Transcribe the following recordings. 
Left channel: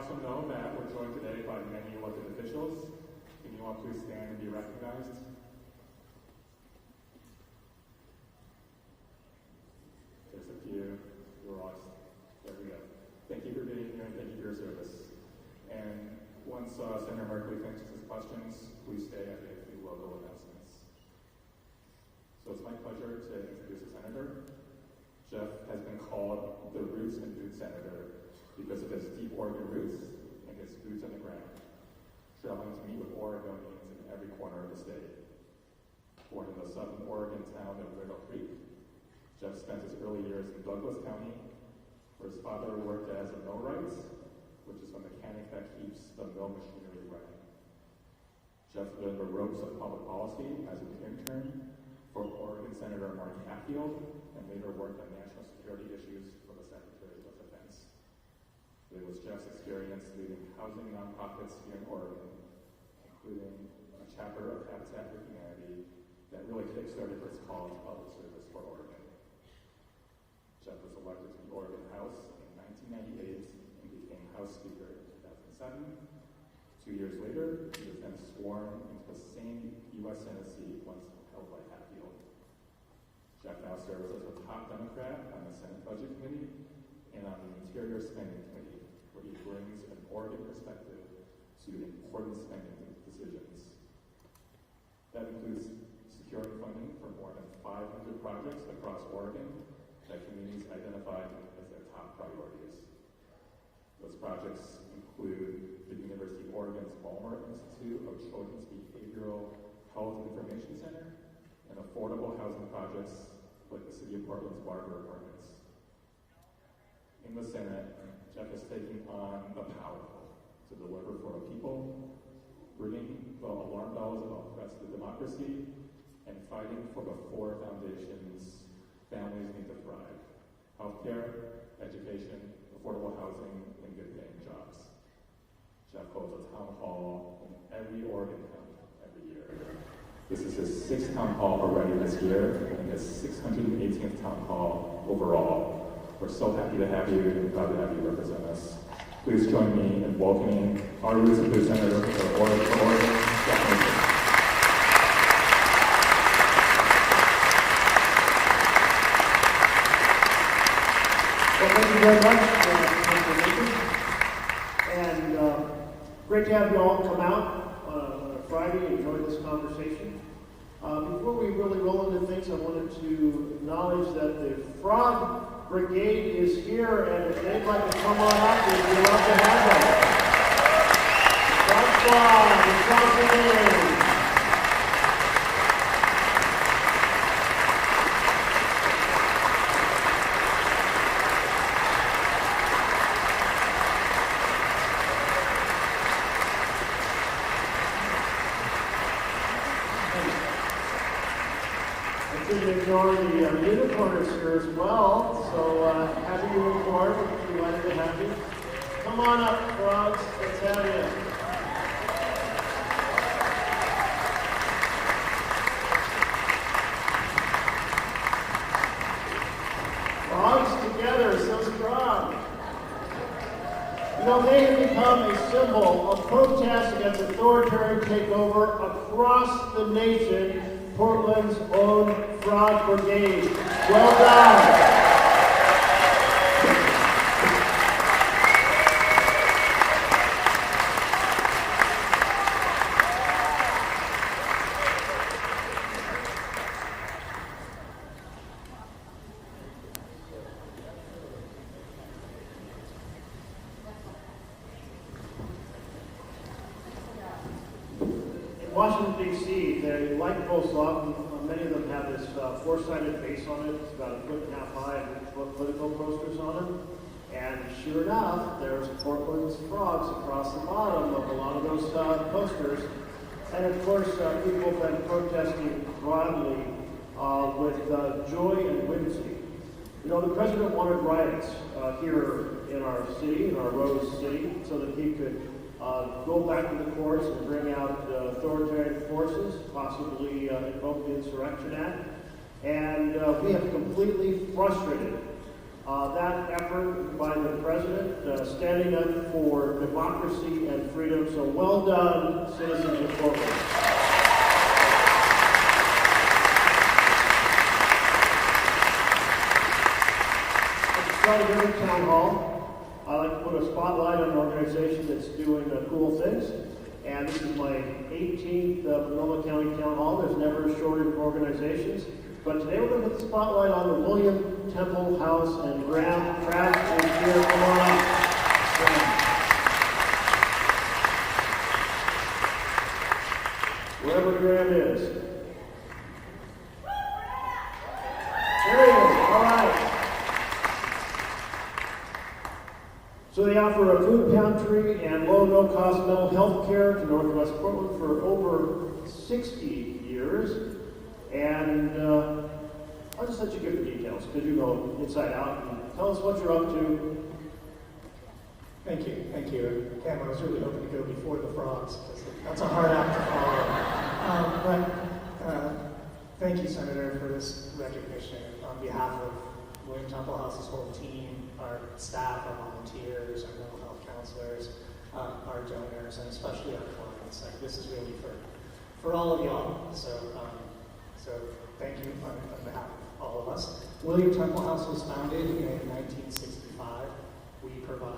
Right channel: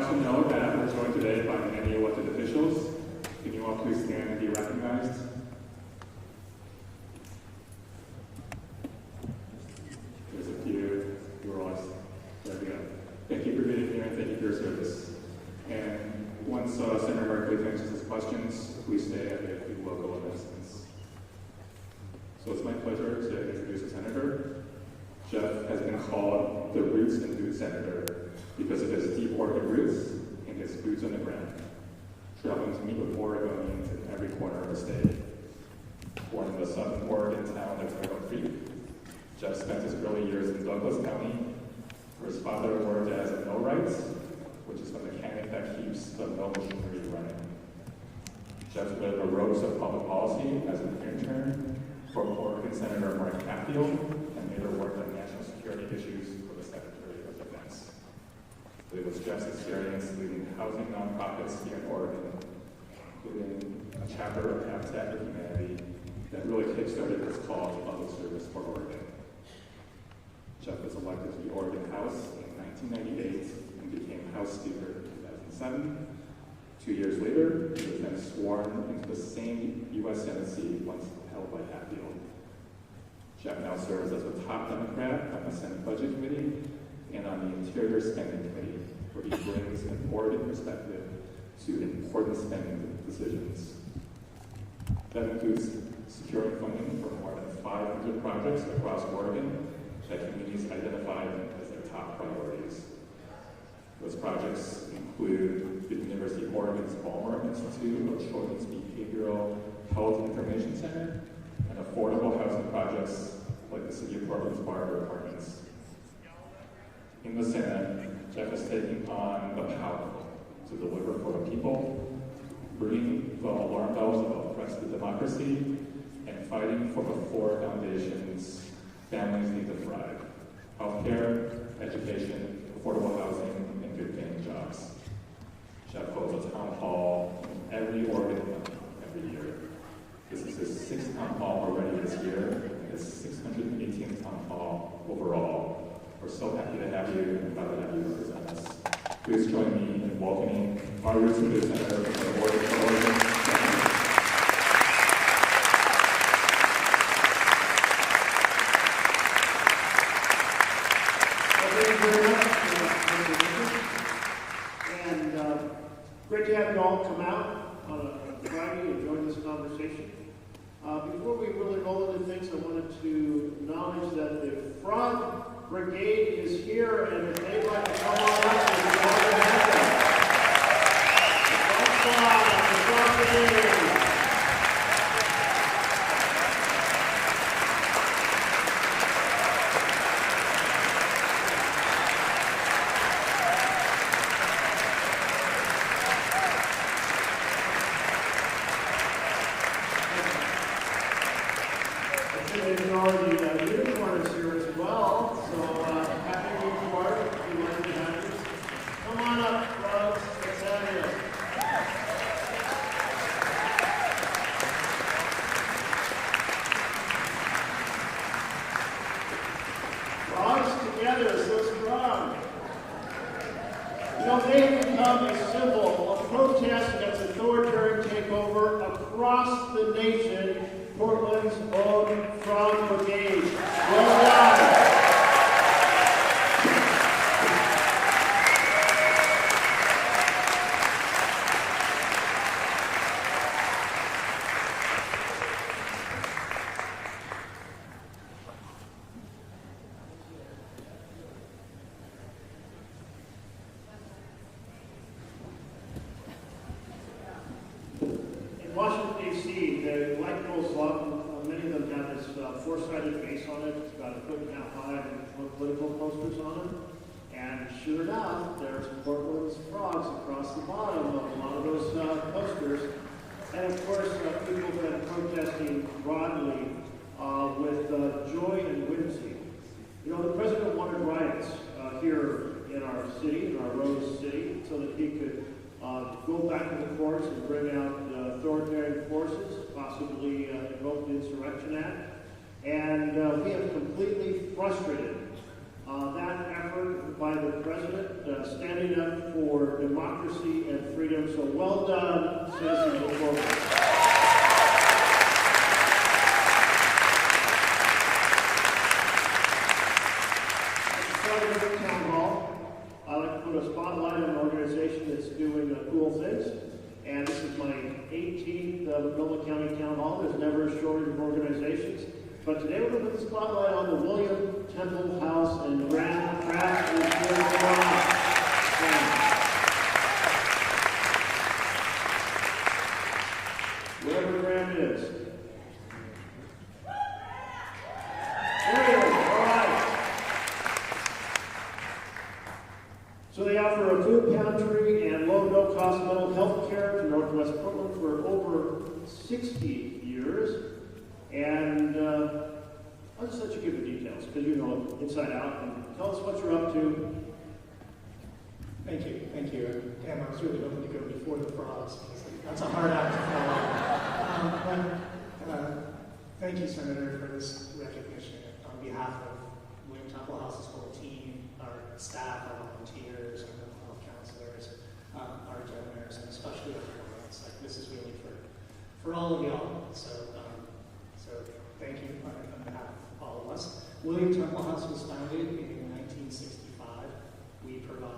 also know that we're joined today by many elected officials. Can you all please stand and be recognized? There's a few who are all, there we go. Thank you for being here and thank you for your service. And once Senator Merkley finishes his questions, please stay and get a few local announcements. So it's my pleasure to introduce the Senator. Jeff has been called the Roots and Boots Senator because of his deep Oregon roots and his boots on the ground, traveling to meet with Oregonians in every corner of the state. Born in the southern Oregon town of Turtle Creek, Jeff spent his early years in Douglas County, where his father worked as a millwright, which is the mechanic that keeps the mill machinery running. Jeff led the ropes of public policy as an intern for Oregon Senator Mark Hatfield and later worked on national security issues for the Secretary of Defense. It was Jeff's experience leading housing nonprofits here in Oregon, including a chapter of Habitat for Humanity that really kickstarted his call to public service for Oregon. Jeff was elected to the Oregon House in 1998 and became House Speaker in 2007. 2 years later, he was then sworn into the same U.S. Senate seat once held by Hatfield. Jeff now serves as the top Democrat on the Senate Budget Committee and on the Interior Spending Committee, where he brings an Oregon perspective to important spending decisions. That includes securing funding for more than 500 projects across Oregon that communities identified as their top priorities. Those projects include the University of Oregon's Ballmer Institute of Children's Behavioral Health Information Center and affordable housing projects like the City of Portland's Barber Apartments. In the Senate, Jeff is taking on the powerful to deliver for the people, ringing the alarm bells of oppressive democracy, and fighting for the four foundations families need to thrive: healthcare, education, affordable housing, and good-paying jobs. Jeff holds a town hall in every Oregon county every year. This is his 6th town hall already this year, and his 618th town hall overall. We're so happy to have you, proud to have you represent us. Please join me in welcoming our Roots and Boots Senator for Oregon. Well, thank you very much, and great to have you all come out on a Friday and enjoy this conversation. Before we really roll into things, I wanted to acknowledge that the Frog Brigade is here, and if they'd like to come on out, we'd love to have them. The Frog Brigade. The unicorn is here as well, so happy unicorn, delighted to have you. Come on up, frogs, let's have you. Frogs together, so strong. You know, they have become a symbol of protest against authoritarian takeover across the nation. Portland's own Frog Brigade. Well done. In Washington, D.C., the light poles up. Many of them have this four-sided base on it. It's about 1.5 feet high, and political posters on them. And sure enough, there's Portland's frogs across the bottom of a lot of those posters. And of course, people have been protesting broadly with joy and whimsy. You know, the president wanted riots here in our city, in our Rose City, so that he could go back to the courts and bring out authoritarian forces, possibly invoke the Insurrection Act. And we have completely frustrated That effort by the president, standing up for democracy and freedom. So well done, citizens of Florida. Starting with Town Hall, I like to put a spotlight on an organization that's doing cool things. And this is my 18th Multnomah County Town Hall. There's never a shortage of organizations. But today we're going to put the spotlight on the William Temple House and Graham Trash and Care. Come on up. Wherever Graham is. There he is. All right. So they offer a food pantry and low, no-cost mental health care to Northwest Portland for over 60 years. And I'll just let you give the details, because you know inside out. And tell us what you're up to. Thank you. Pam, I was really hoping to go before the frogs. That's a hard act to follow. Thank you, Senator, for this recognition. On behalf of William Temple House's whole team, our staff, our volunteers, our mental health counselors, our donors, and especially our clients. This is really for all of y'all. So thank you on behalf of all of us. William Temple House was founded in 1965. We provide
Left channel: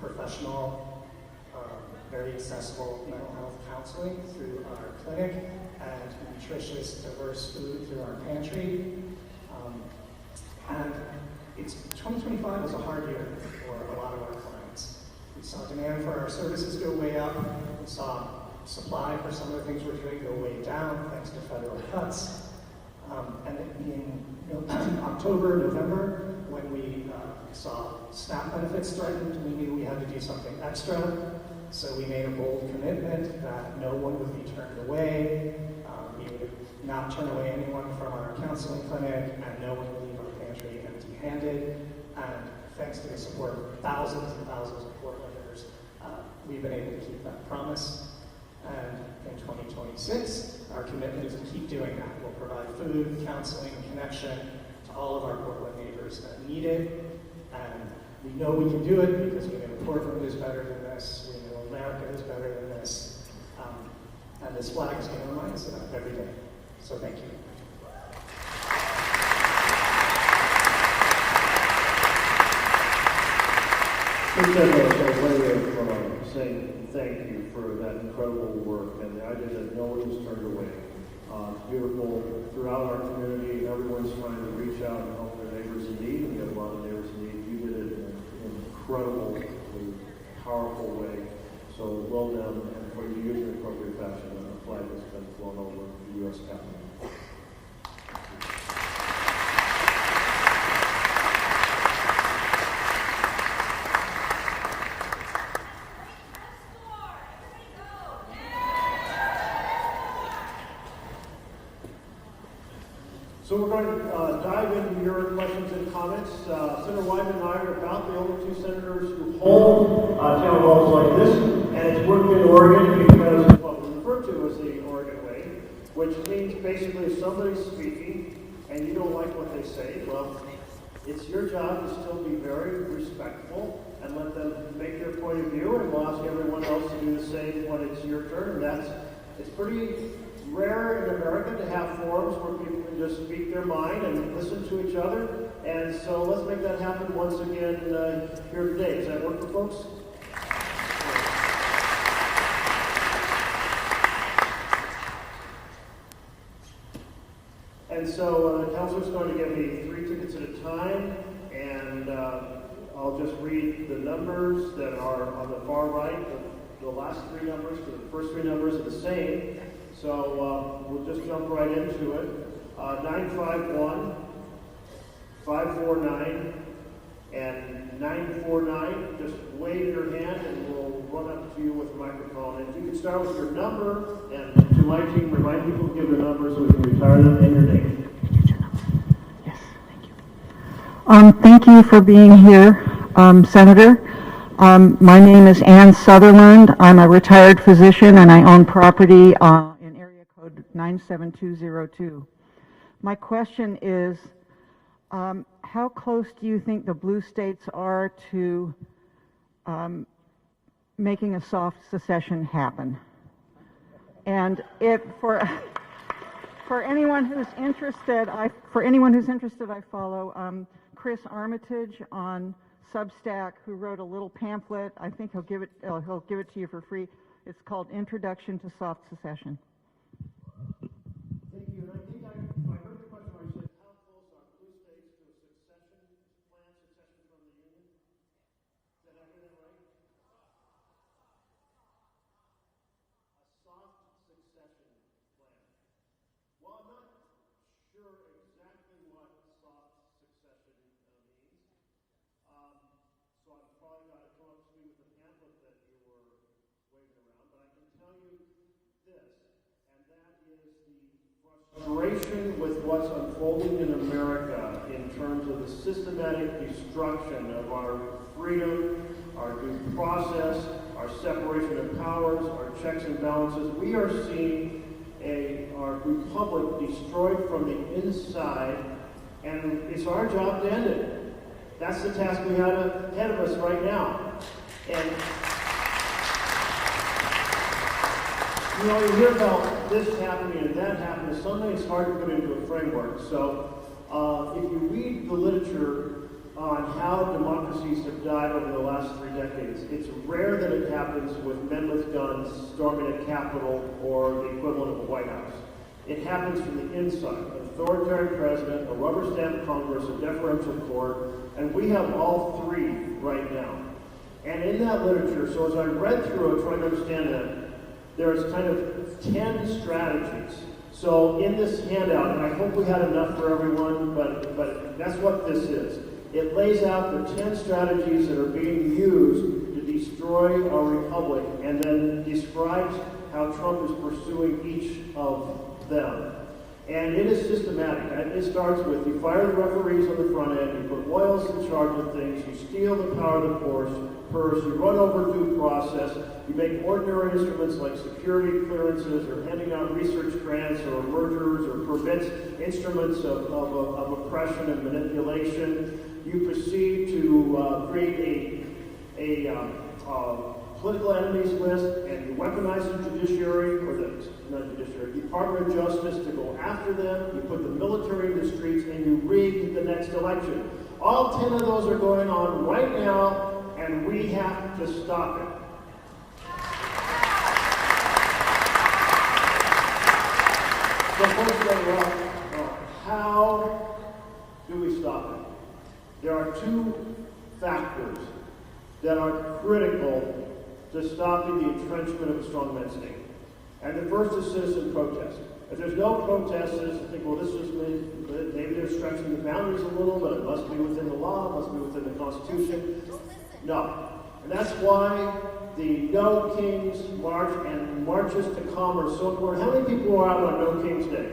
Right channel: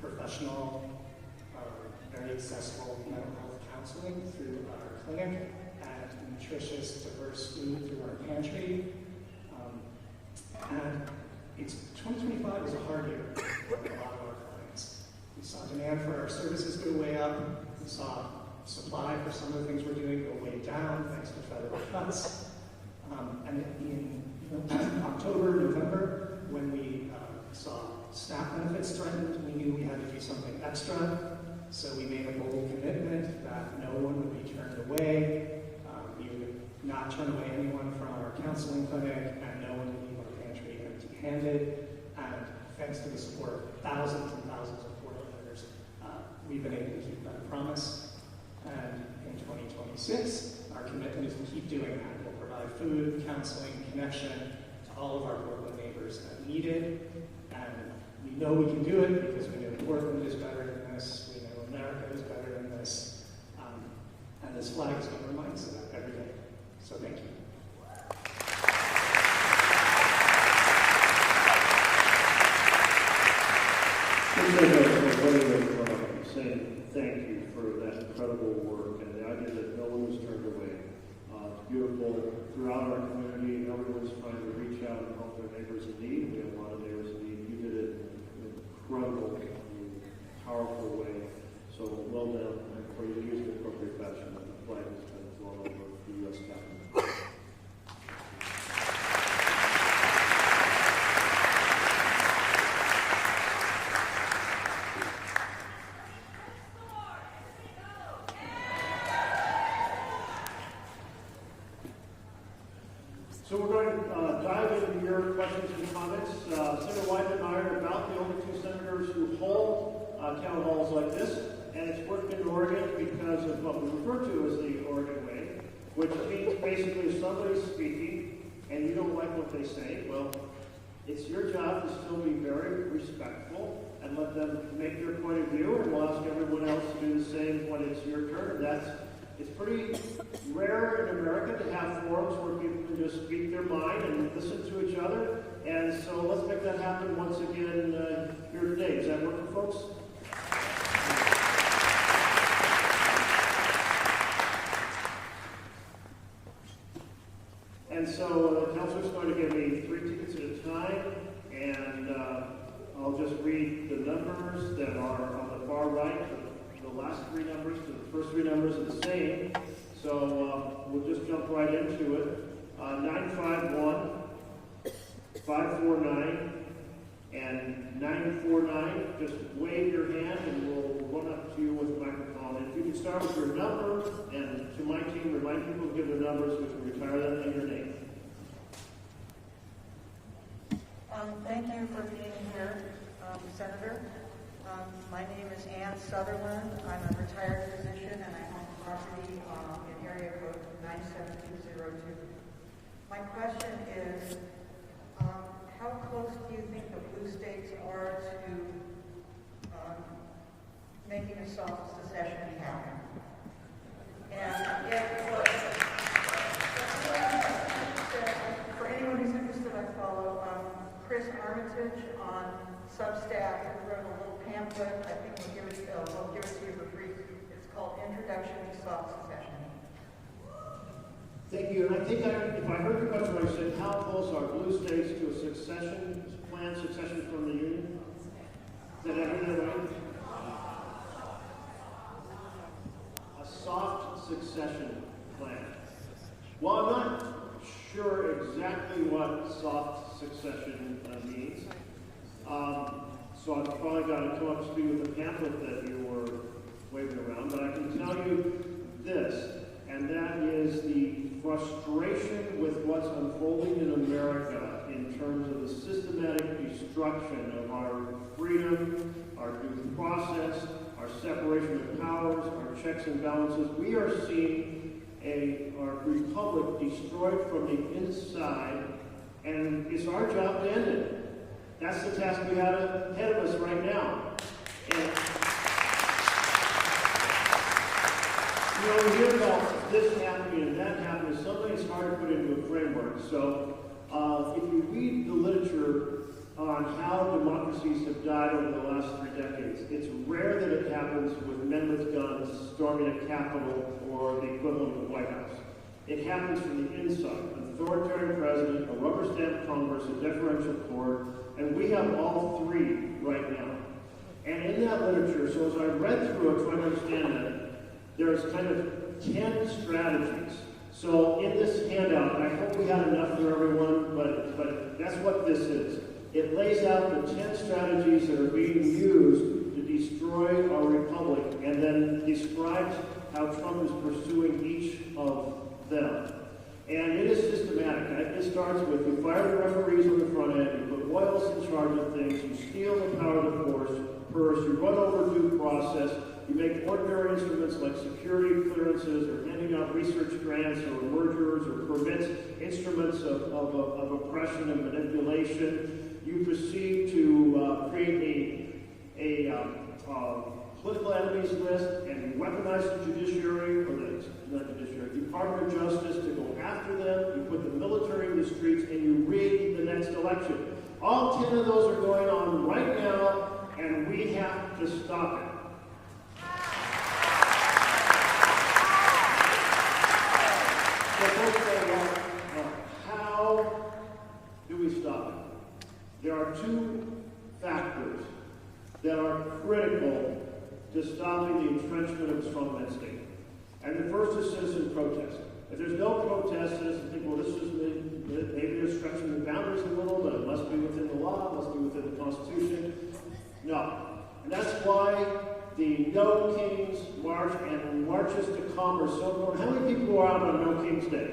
professional, very accessible mental health counseling through our clinic and nutritious, diverse food through our pantry. And 2025 was a hard year for a lot of our clients. We saw demand for our services go way up. We saw supply for some of the things we're doing go way down thanks to federal cuts. And in October, November, when we saw SNAP benefits threatened, we knew we had to do something extra. So we made a bold commitment that no one would be turned away. We would not turn away anyone from our counseling clinic, and no one would leave our pantry empty-handed. And thanks to the support of thousands and thousands of Portlanders, we've been able to keep that promise. And in 2026, our commitment is to keep doing that. We'll provide food, counseling, connection to all of our Portland neighbors that need it. And we know we can do it because we know Portland is better than this. We know America is better than this. And this flag is going to remind us of that every day. So thank you. Saying thank you for that incredible work and the idea that no one was turned away. It's beautiful throughout our community. Everyone's trying to reach out and help their neighbors in need. We have a lot of neighbors in need. You did it in an incredibly powerful way. So well done, and for you to use the appropriate fashion, and the flag has been flown over the U.S. Capitol. So we're going to dive into your questions and comments. Senator Wyden and I are about the only two senators who hold town halls like this, and it's worked in Oregon because of what we refer to as the Oregon way, which means basically if somebody's speaking and you don't like what they say, well, it's your job to still be very respectful and let them make their point of view, and we'll ask everyone else to do the same when it's your turn. And it's pretty rare in America to have forums where people can just speak their mind and listen to each other. And so let's make that happen once again here today. Does that work for folks? And so the counselor's going to give me 3 tickets at a time, and I'll just read the numbers that are on the far right. The last 3 numbers, because the first 3 numbers are the same. So we'll just jump right into it. 951, 549, and 949. Just wave your hand and we'll run up to you with the microphone. If you could start with your number, and to my team, remind people to give their numbers so we can retire them and your name. Yes, thank you. Thank you for being here, Senator. My name is Ann Sutherland. I'm a retired physician and I own property in area code 97202. My question is, how close do you think the blue states are to making a soft secession happen? And for anyone who's interested, I follow Chris Armitage on Substack, who wrote a little pamphlet. I think he'll give it to you for free. It's called Introduction to Soft Secession. Thank you. And I think if I heard the question right, I said, how close are blue states to a planned succession from the Union? Did I hear that right? A soft succession plan. Well, I'm not sure exactly what soft succession means. So I've probably got to come up to speed with the pamphlet that you were waving around, but I can tell you this, and that is the frustration with what's unfolding in America in terms of the systematic destruction of our freedom, our due process, our separation of powers, our checks and balances. We are seeing our republic destroyed from the inside, and it's our job to end it. That's the task we have ahead of us right now. And you know, you hear about this happening and that happening. Sometimes it's hard to put into a framework. So if you read the literature on how democracies have died over the last 3 decades, it's rare that it happens with men with guns storming a Capitol or the equivalent of the White House. It happens from the inside. An authoritarian president, a rubber stamp Congress, a deferential court, and we have all 3 right now. And in that literature, so as I read through it, trying to understand it, there's kind of 10 strategies. So in this handout, and I hope we had enough for everyone, but that's what this is. It lays out the 10 strategies that are being used to destroy our republic, and then describes how Trump is pursuing each of them. And it is systematic. It starts with you fire the referees on the front end, you put loyalists in charge of things, you steal the power of the purse, you run over due process, you make ordinary instruments like security clearances or handing out research grants or mergers or prevents instruments of oppression and manipulation. You proceed to create a political enemies list, and you weaponize the judiciary, or the Department of Justice to go after them. You put the military in the streets, and you rig the next election. All 10 of those are going on right now, and we have to stop it. So folks say, well, how do we stop it? There are 2 factors that are critical to stopping the entrenchment of a strongman state. And the first is citizen protest. If there's no protest, citizens think, well, this is maybe they're stretching the boundaries a little, but it must be within the law, it must be within the Constitution. No. And that's why the No Kings March and marches to calm are so important. How many people are out on No Kings Day?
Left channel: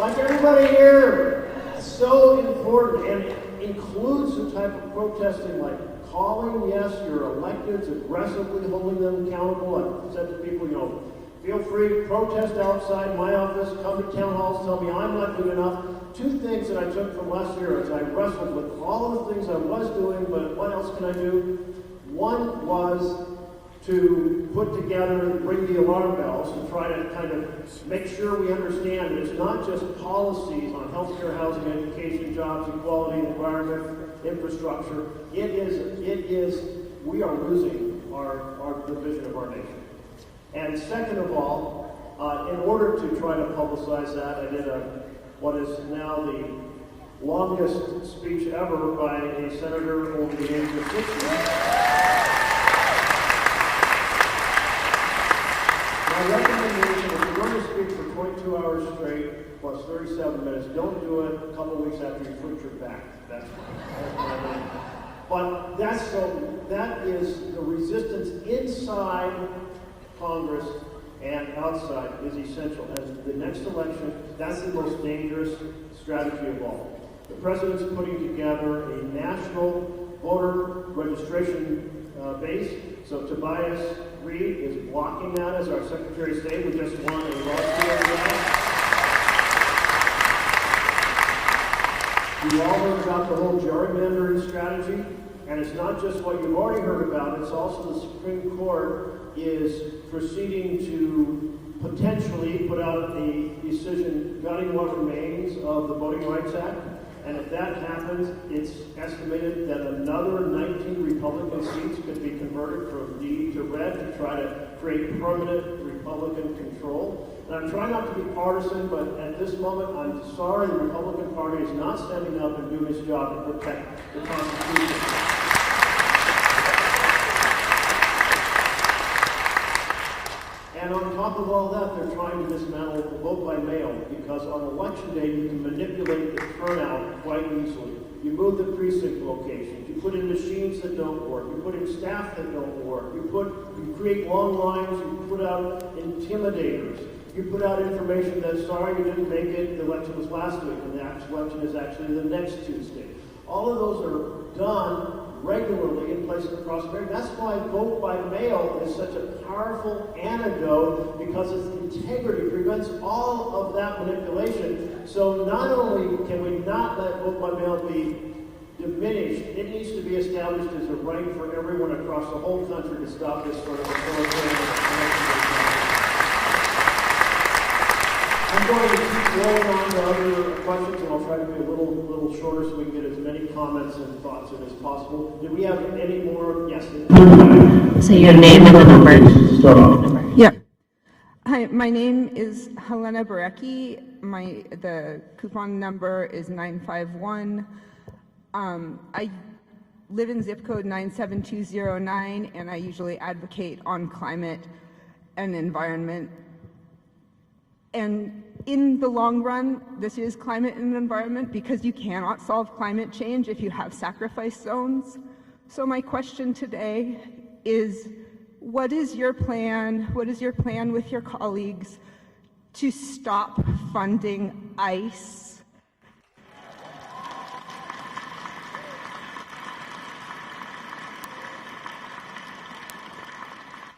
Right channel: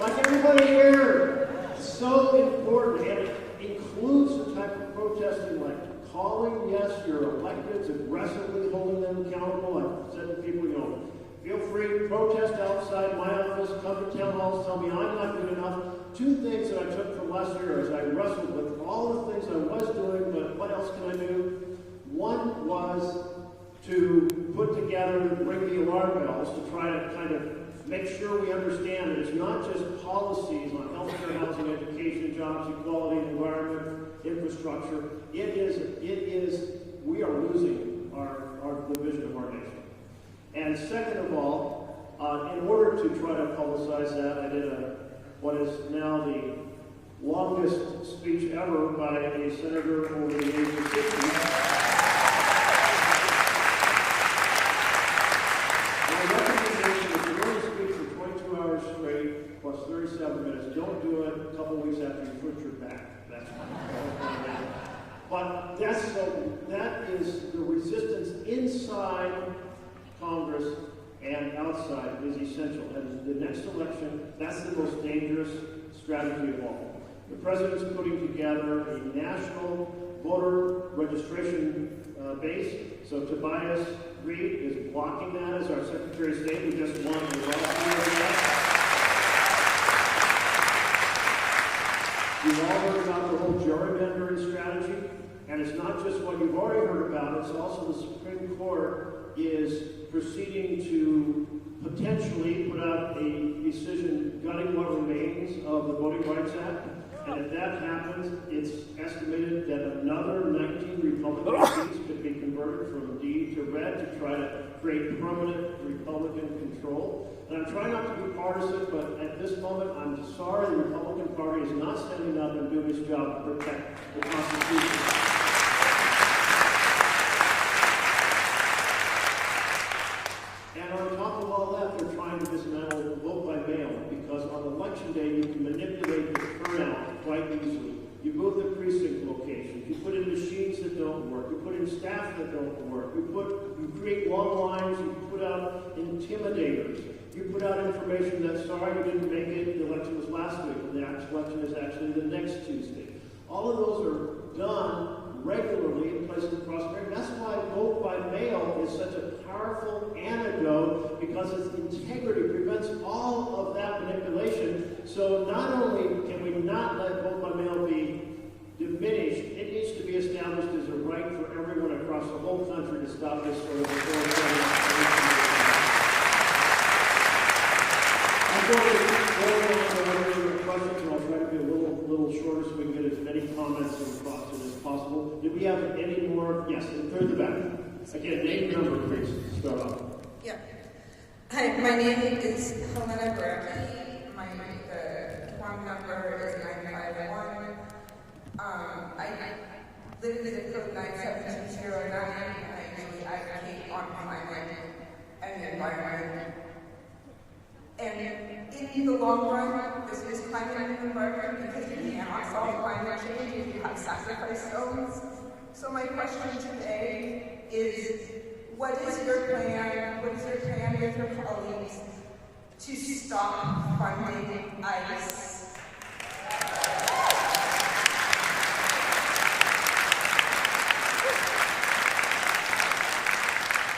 Like everybody here. It's so important, and it includes the type of protesting like calling, yes, your electeds, aggressively holding them accountable. I've said to people, feel free to protest outside my office, come to town halls, tell me I'm not doing enough. 2 things that I took from last year as I wrestled with all the things I was doing, but what else can I do? One was to put together, ring the alarm bells, to try to kind of make sure we understand that it's not just policies on healthcare, housing, education, jobs, equality, environment, infrastructure. It is, we are losing the vision of our nation. And second of all, in order to try to publicize that, I did what is now the longest speech ever by a senator over the age of 60. My recommendation is you're going to speak for 22 hours straight plus 37 minutes. Don't do it a couple weeks after you put your back. That's fine. But that is the resistance inside Congress and outside is essential. And the next election, that's the most dangerous strategy of all. The president's putting together a national voter registration base. So Tobias Reed is blocking that as our Secretary of State. We just won a lawsuit over that. You've all heard about the whole gerrymandering strategy, and it's not just what you've already heard about, it's also the Supreme Court is proceeding to potentially put out a decision gutting what remains of the Voting Rights Act. And if that happens, it's estimated that another 19 Republican seats could be converted from D to red to try to create permanent Republican control. And I'm trying not to be partisan, but at this moment, I'm sorry the Republican Party is not standing up and doing its job to protect the Constitution. And on top of all that, they're trying to dismantle the vote by mail, because on election day you can manipulate the turnout quite easily. You move the precinct locations, you put in machines that don't work, you put in staff that don't work, you create long lines, you put out intimidators, you put out information that, sorry, you didn't make it, the election was last week, and the actual election is actually the next Tuesday. All of those are done regularly in places of prosperity. That's why vote by mail is such a powerful antidote, because its integrity prevents all of that manipulation. So not only can we not let vote by mail be diminished, it needs to be established as a right for everyone across the whole country to stop this sort of authoritarian. I'm going to keep rolling on to other questions, and I'll try to be a little shorter so we can get as many comments and thoughts in as possible. Do we have any more? Yes. Say your name and the number. Yeah. Hi, my name is Helena Barecki. The coupon number is 951. I live in zip code 97209, and I usually advocate on climate and environment. And in the long run, this is climate and environment, because you cannot solve climate change if you have sacrifice zones. So my question today is, what is your plan? What is your plan with your colleagues to stop funding ICE?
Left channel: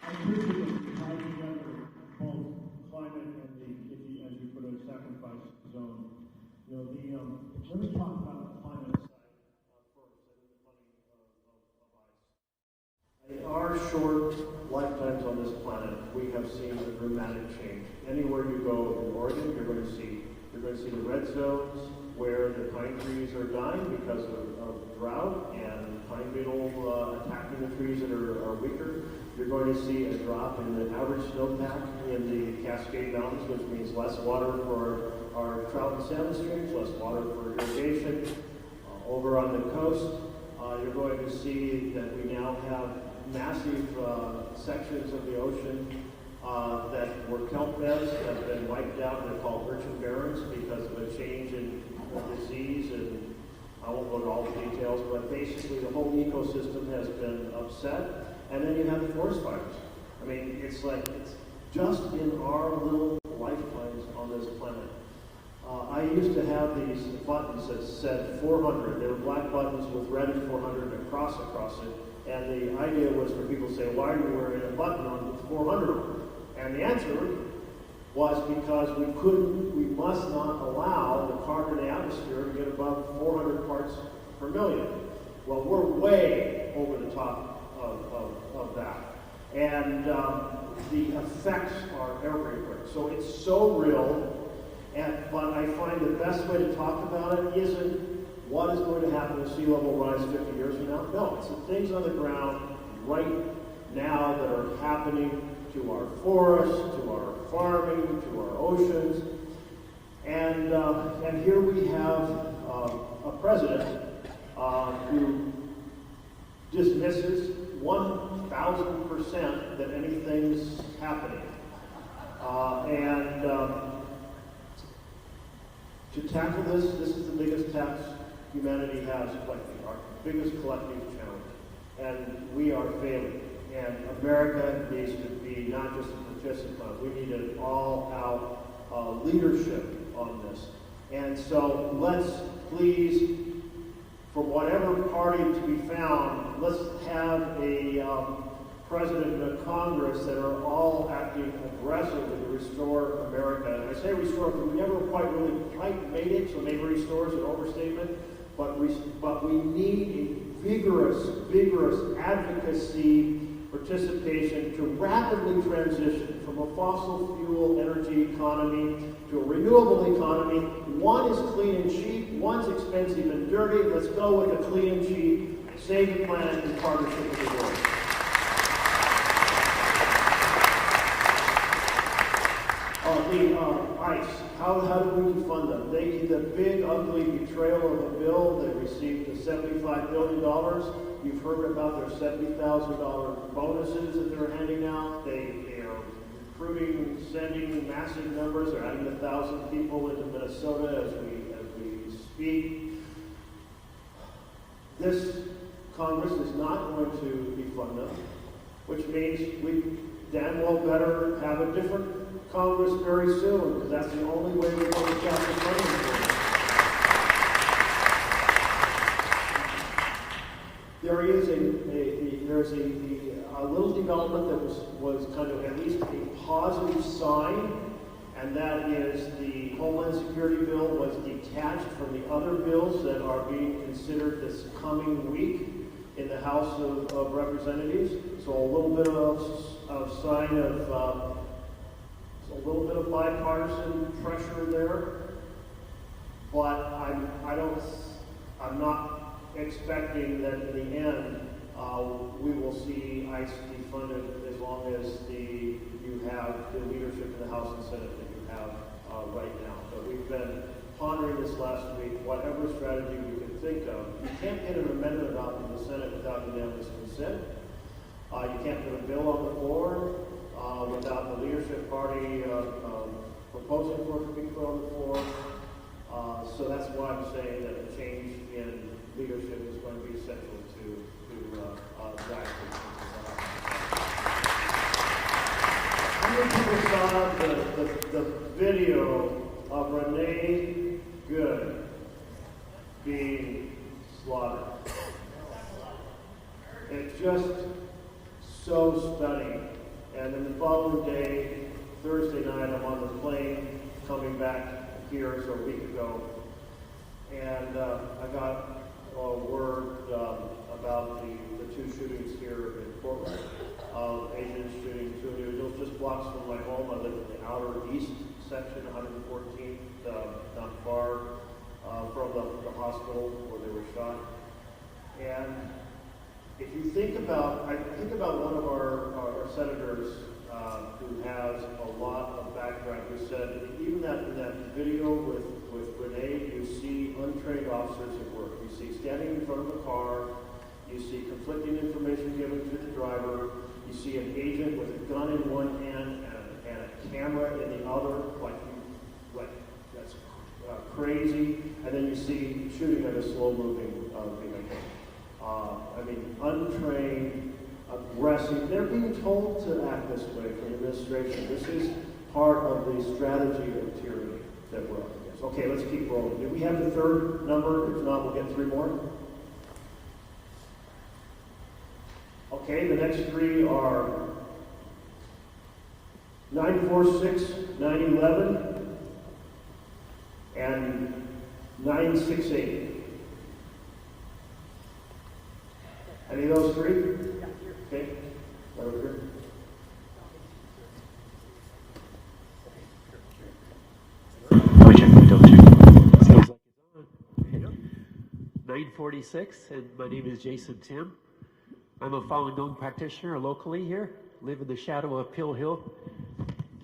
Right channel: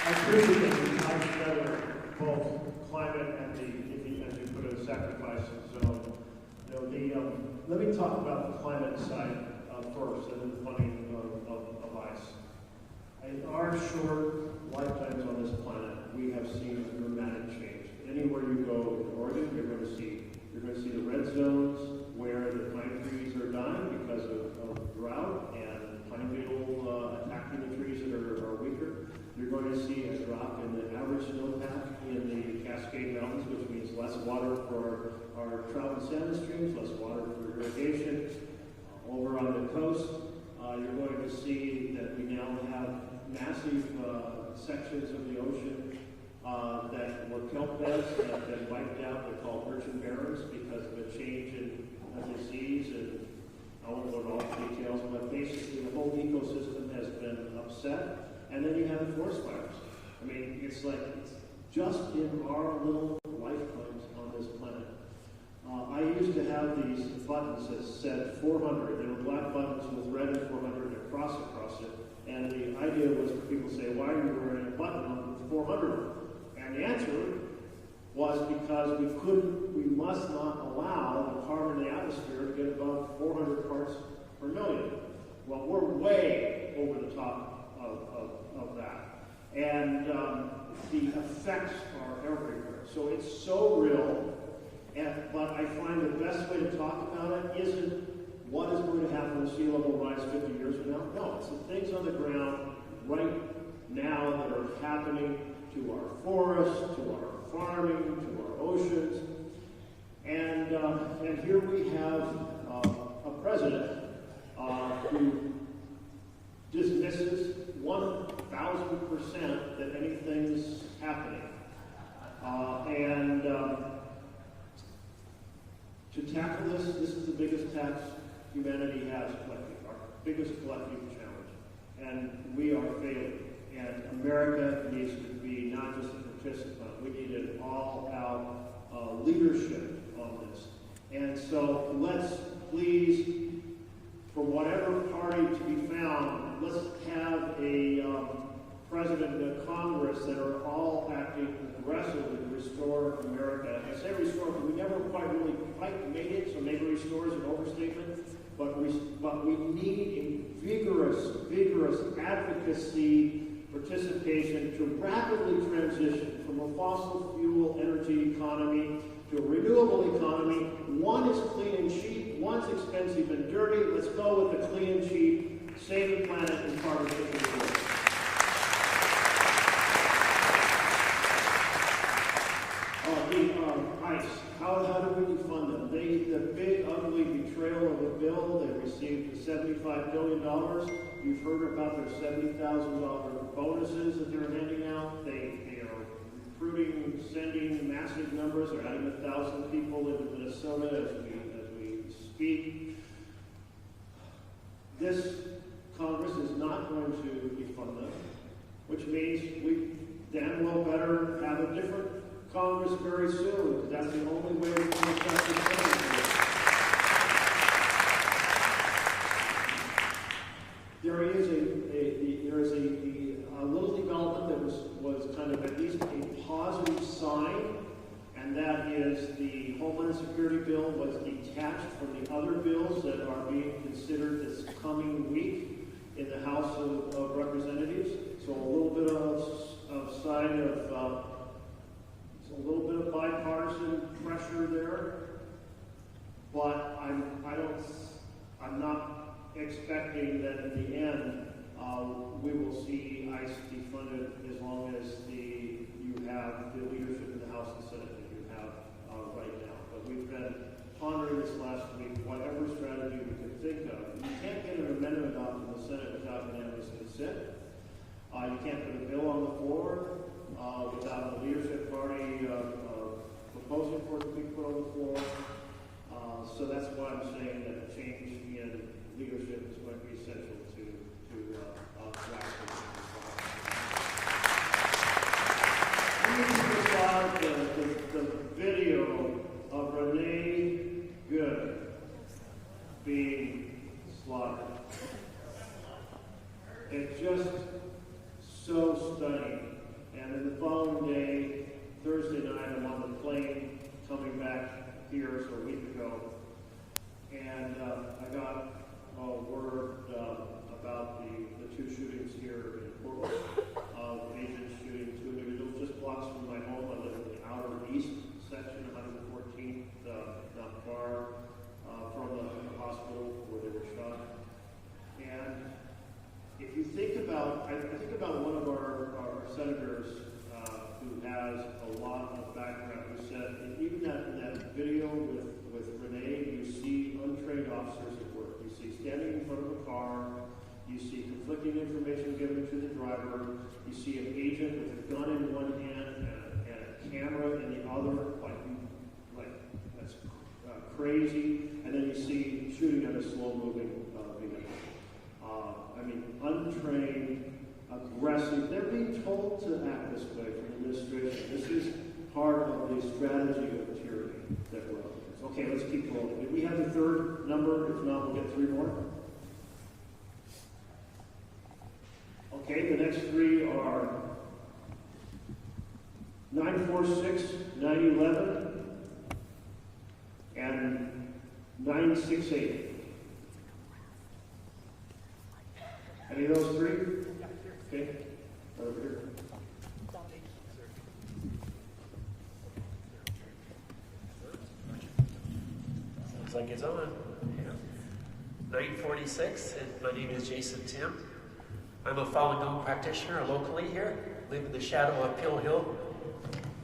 I appreciate that you tie together both climate and as you put a sacrifice zone. Let me talk about the climate side first, and then the funding of ICE. In our short lifetimes on this planet, we have seen a dramatic change. Anywhere you go in Oregon, you're going to see the red zones where the pine trees are dying because of drought and pine beetle attacking the trees that are weaker. You're going to see a drop in the average snowpack in the Cascade Mountains, which means less water for our trout and salmon streams, less water for irrigation. Over on the coast, you're going to see that we now have massive sections of the ocean that were kelp beds that have been wiped out. They're called urchin barrens because of a change in disease, and I won't go into all the details, but basically the whole ecosystem has been upset. And then you have the forest fires. I mean, it's just in our little lifetimes on this planet. I used to have these buttons that said 400. They were black buttons with red and 400 and a cross across it. And the idea was for people to say, why are you wearing a button on 400? And the answer was because we must not allow the carbon in the atmosphere to get above 400 parts per million. Well, we're way over the top of that. And the effects are everywhere. So it's so real. But I find the best way to talk about it isn't what is going to happen with sea level rise 50 years from now. No, it's the things on the ground right now that are happening to our forests, to our farming, to our oceans. And here we have a president who dismisses 1,000% that anything's happening. To tackle this is the biggest tax humanity has collectively, our biggest collective challenge. And we are failing. And America needs to be not just a participant, we need an all-out leadership on this. And so let's please, from whatever party to be found, let's have a president and a Congress that are all acting aggressively to restore America. And I say restore because we never quite made it, so maybe restore is an overstatement. but we need a vigorous advocacy participation to rapidly transition from a fossil fuel energy economy to a renewable economy. One is clean and cheap, one's expensive and dirty. Let's go with the clean and cheap, save the planet in partnership with the world. ICE, how do we fund them? They did a big, ugly betrayal of a bill. They received a $75 billion. You've heard about their $70,000 bonuses that they're handing out. They are recruiting, sending massive numbers. They're adding 1,000 people into Minnesota as we speak. This Congress is not going to defund them, which means we damn well better have a different Congress very soon, because that's the only way we're going to stop the funding. There is a little development that was kind of at least a positive sign, and that is the Homeland Security bill was detached from the other bills that are being considered this coming week in the House of Representatives. So a little bit of sign of a little bit of bipartisan pressure there, but I'm not expecting that at the end we will see ICE defunded as long as you have the leadership in the House and Senate that you have right now. But we've been pondering this last week, whatever strategy we could think of. You can't get an amendment out of the Senate without unanimous consent. You can't put a bill on the floor without the leadership party proposing for it to be put on the floor. So that's why I'm saying that a change in leadership is going to be essential to actually. How many people saw the video of Renee Good being slaughtered? It's just so stunning. And then the following day, Thursday night, I'm on the plane coming back here, so a week ago, and I got word about the two shootings here in Portland. Agents shooting two individuals just blocks from my home. I live in the outer east section, 114th, not far from the hospital where they were shot. And if you think about, I think about one of our senators who has a lot of background, who said even in that video with Renee, you see untrained officers at work. You see standing in front of a car, you see conflicting information given to the driver, you see an agent with a gun in one hand and a camera in the other, like that's crazy, and then you see shooting at a slow-moving vehicle. I mean, untrained, aggressive. They're being told to act this way from the administration. This is part of the strategy of tyranny that we're up against. Okay, let's keep rolling. Did we have the third number? If not, we'll get three more. Okay, the next three are 946, 911, and 968. Any of those three? Okay. Over here. Sounds like it's on. 946, and my name is Jason Tim. I'm a Falun Gong practitioner locally here, live in the shadow of Hill Hill.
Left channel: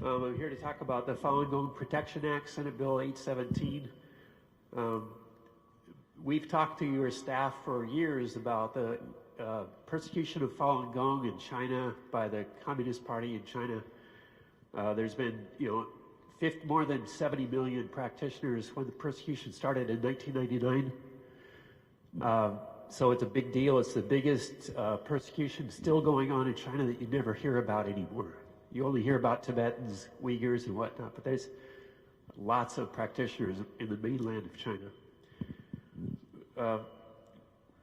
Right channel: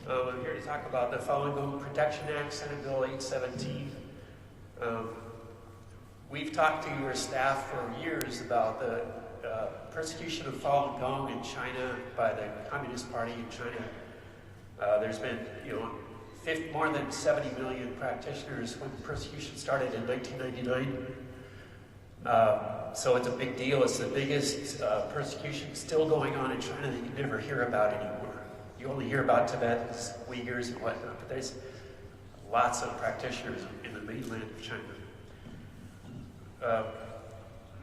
I'm here to talk about the Falun Gong Protection Act, Senate Bill 817. We've talked to your staff for years about the persecution of Falun Gong in China by the Communist Party of China. There's been, more than 70 million practitioners when persecution started in 1999. So it's a big deal. It's the biggest persecution still going on in China that you never hear about anymore. You only hear about Tibetans, Uyghurs, and whatnot. There's lots of practitioners in the mainland of China.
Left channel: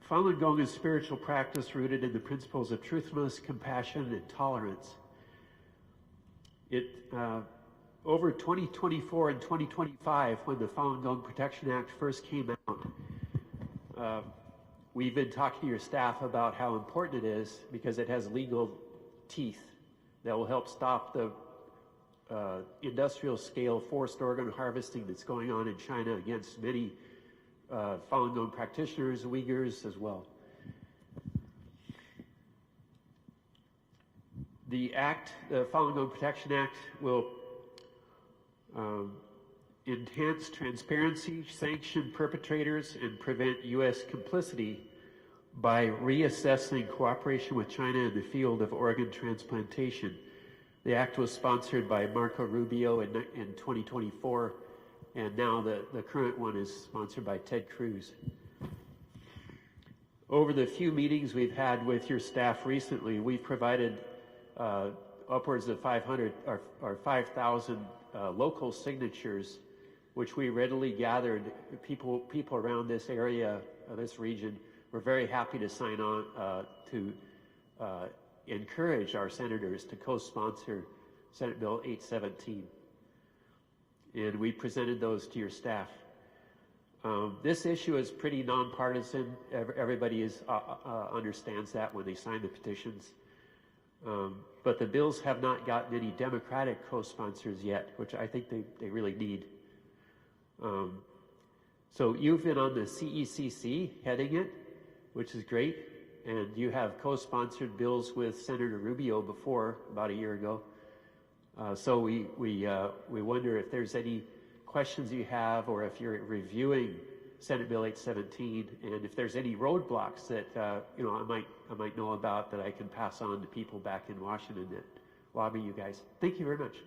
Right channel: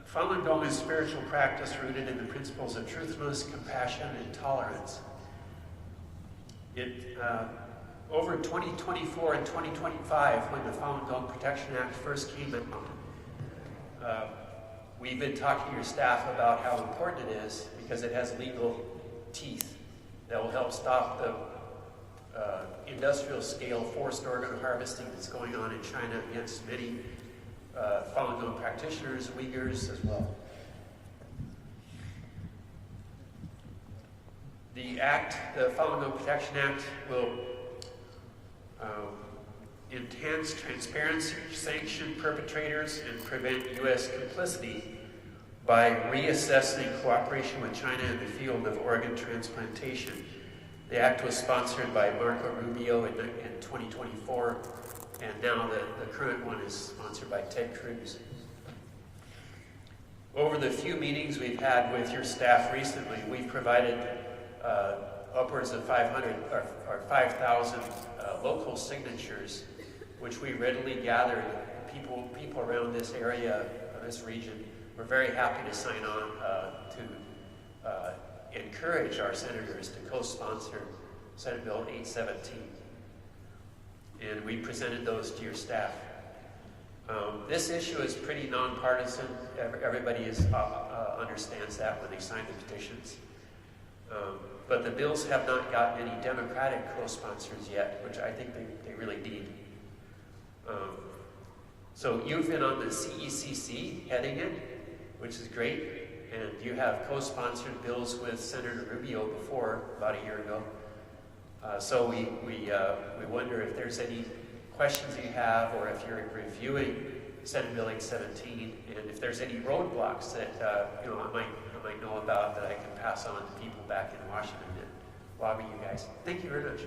Falun Gong is spiritual practice rooted in the principles of truthfulness, compassion, and tolerance. Over 2024 and 2025, when the Falun Gong Protection Act first came out, we've been talking to your staff about how important it is because it has legal teeth that will help stop the industrial scale forced organ harvesting that's going on in China against many Falun Gong practitioners, Uyghurs as well. The Falun Gong Protection Act will enhance transparency, sanction perpetrators, and prevent U.S. complicity by reassessing cooperation with China in the field of organ transplantation. The act was sponsored by Marco Rubio in 2024, and now the current one is sponsored by Ted Cruz. Over the few meetings we've had with your staff recently, we've provided upwards of 500 or 5,000 local signatures, which we readily gathered. People around this area, this region, were very happy to sign on to encourage our senators to co-sponsor Senate Bill 817. And we presented those to your staff. This issue is pretty nonpartisan. Everybody understands that when they sign the petitions. But the bills have not gotten any Democratic co-sponsors yet, which I think they really need. So you've been on the CECC heading it, which is great, and you have co-sponsored bills with Senator Rubio before, about a year ago. So we wonder if there's any questions you have, or if you're reviewing Senate Bill 817, and if there's any roadblocks that I might know about that I can pass on to people back in Washington that lobby you guys. Thank you very much.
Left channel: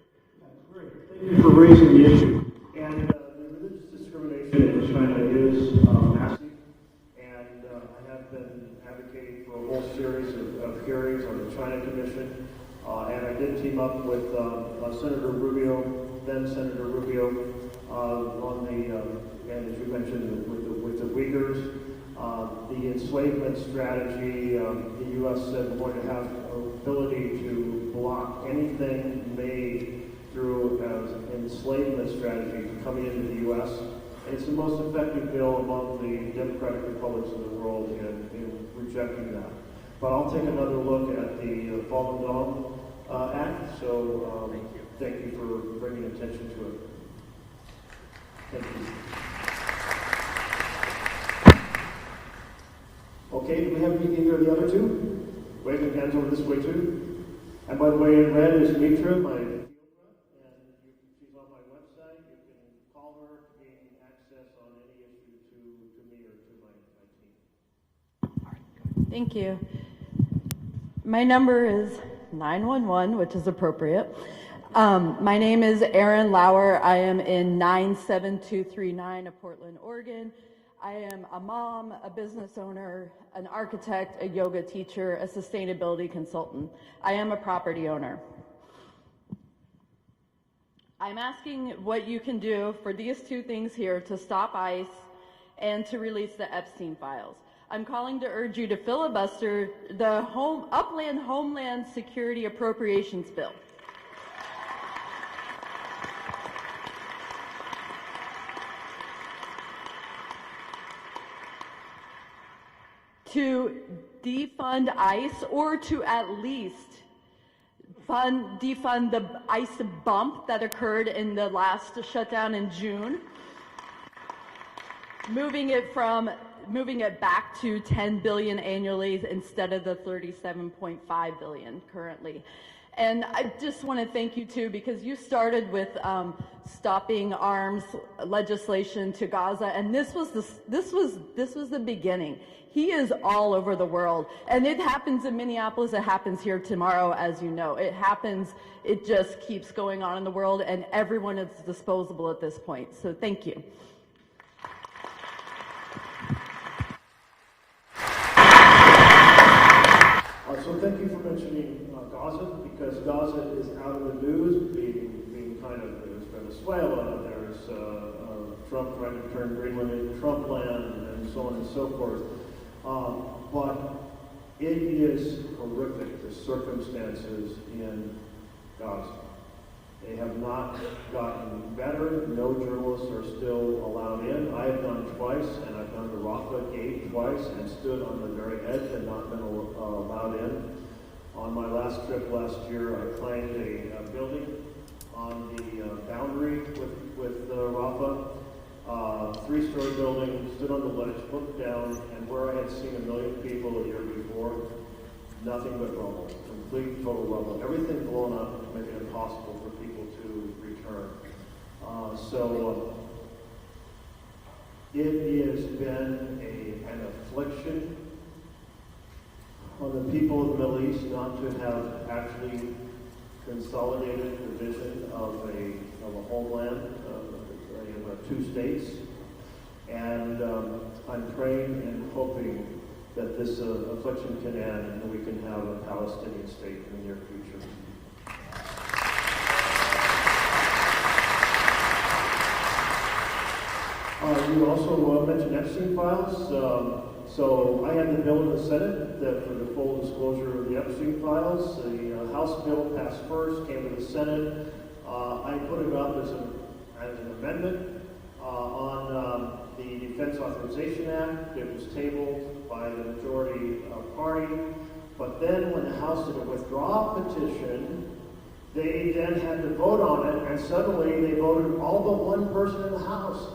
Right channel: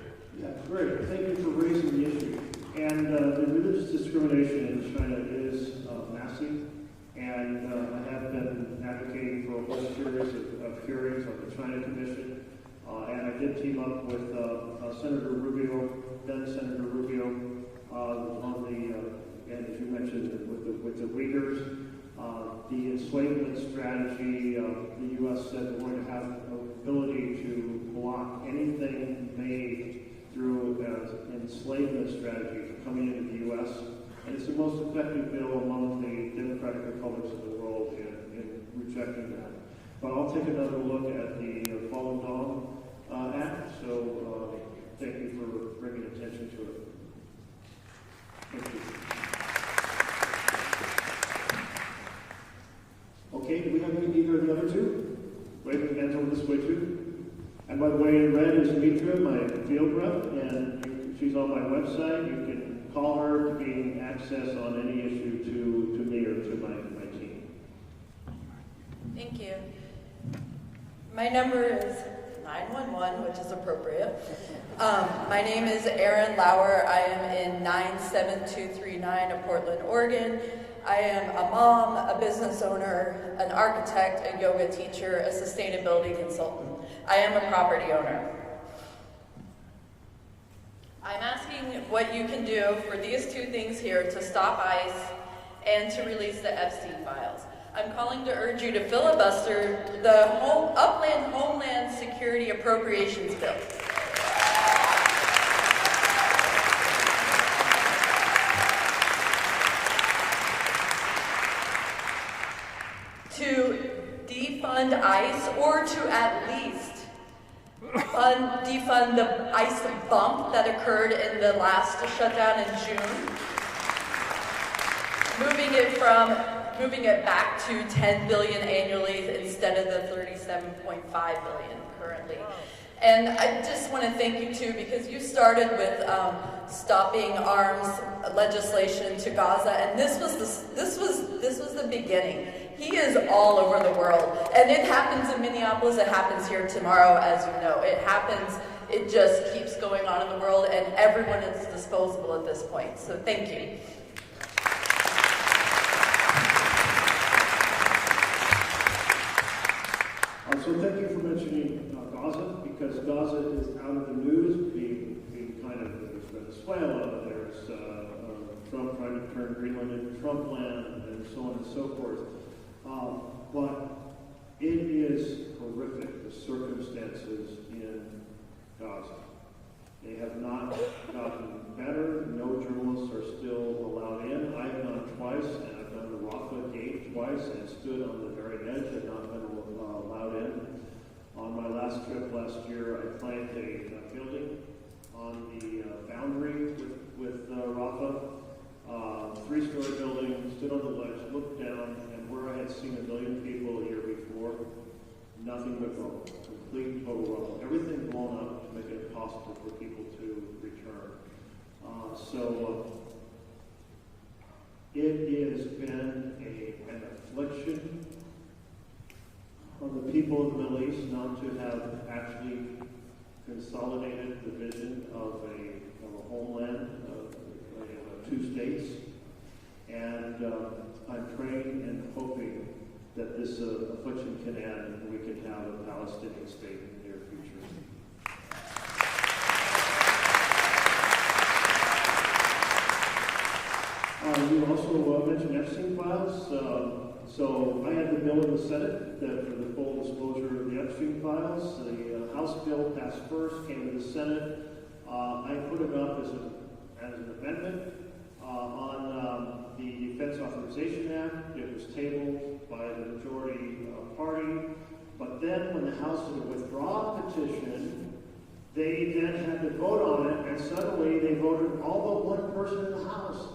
That's great. Thank you for raising the issue. And the religious discrimination in China is massive, and I have been advocating for a whole series of hearings on the China Commission, and I did team up with Senator Rubio, then Senator Rubio, on the, and as you mentioned, with the Uyghurs. The enslavement strategy, the U.S. said we're going to have an ability to block anything made through an enslavement strategy coming into the U.S. And it's the most effective bill among the democratic republics in the world in rejecting that. But I'll take another look at the Falun Gong Act, so thank you for bringing attention to it. Thank you. Okay, do we have either of the other two? Waving hands over this way too. And by the way, in red is Mitra, my field rep, and she's on my website. You can call her to gain access on any issue to me or to my team. Thank you. My number is 911, which is appropriate. My name is Erin Lauer. I am in 97239 of Portland, Oregon. I am a mom, a business owner, an architect, a yoga teacher, a sustainability consultant. I am a property owner. I'm asking what you can do for these two things here to stop ICE and to release the Epstein files. I'm calling to urge you to filibuster the Upland Homeland Security Appropriations Bill. To defund ICE, or to at least defund the ICE bump that occurred in the last shutdown in June, moving it back to 10 billion annually instead of the 37.5 billion currently. And I just want to thank you too, because you started with stopping arms legislation to Gaza, and this was the beginning. He is all over the world, and it happens in Minneapolis. It happens here tomorrow, as you know. It happens. It just keeps going on in the world, and everyone is disposable at this point. So thank you. So thank you for mentioning Gaza, because Gaza is out of the news, being kind of, there's Venezuela, there's Trump trying to turn Greenland into Trump land, and so on and so forth. But it is horrific, the circumstances in Gaza. They have not gotten better. No journalists are still allowed in. I have gone twice, and I've done the Rafa gate twice and stood on the very edge and not been allowed in. On my last trip last year, I claimed a building on the boundary with Rafa. Three-story building, stood on the ledge, looked down, and where I had seen 1 million people a year before, nothing but rubble, complete total rubble. Everything blown up, making it impossible for people to return. It has been an affliction on the people of the Middle East not to have actually consolidated the vision of a homeland, of 2 states. And I'm praying and hoping that this affliction can end and we can have a Palestinian state in the near future. You also mentioned Epstein files. So I had the bill in the Senate that for the full disclosure of the Epstein files. The House bill passed first, came to the Senate. I put it up as an amendment on the Defense Authorization Act. It was tabled by the majority party. But then when the House did a withdrawal petition, they then had to vote on it, and suddenly they voted, all but one person in the House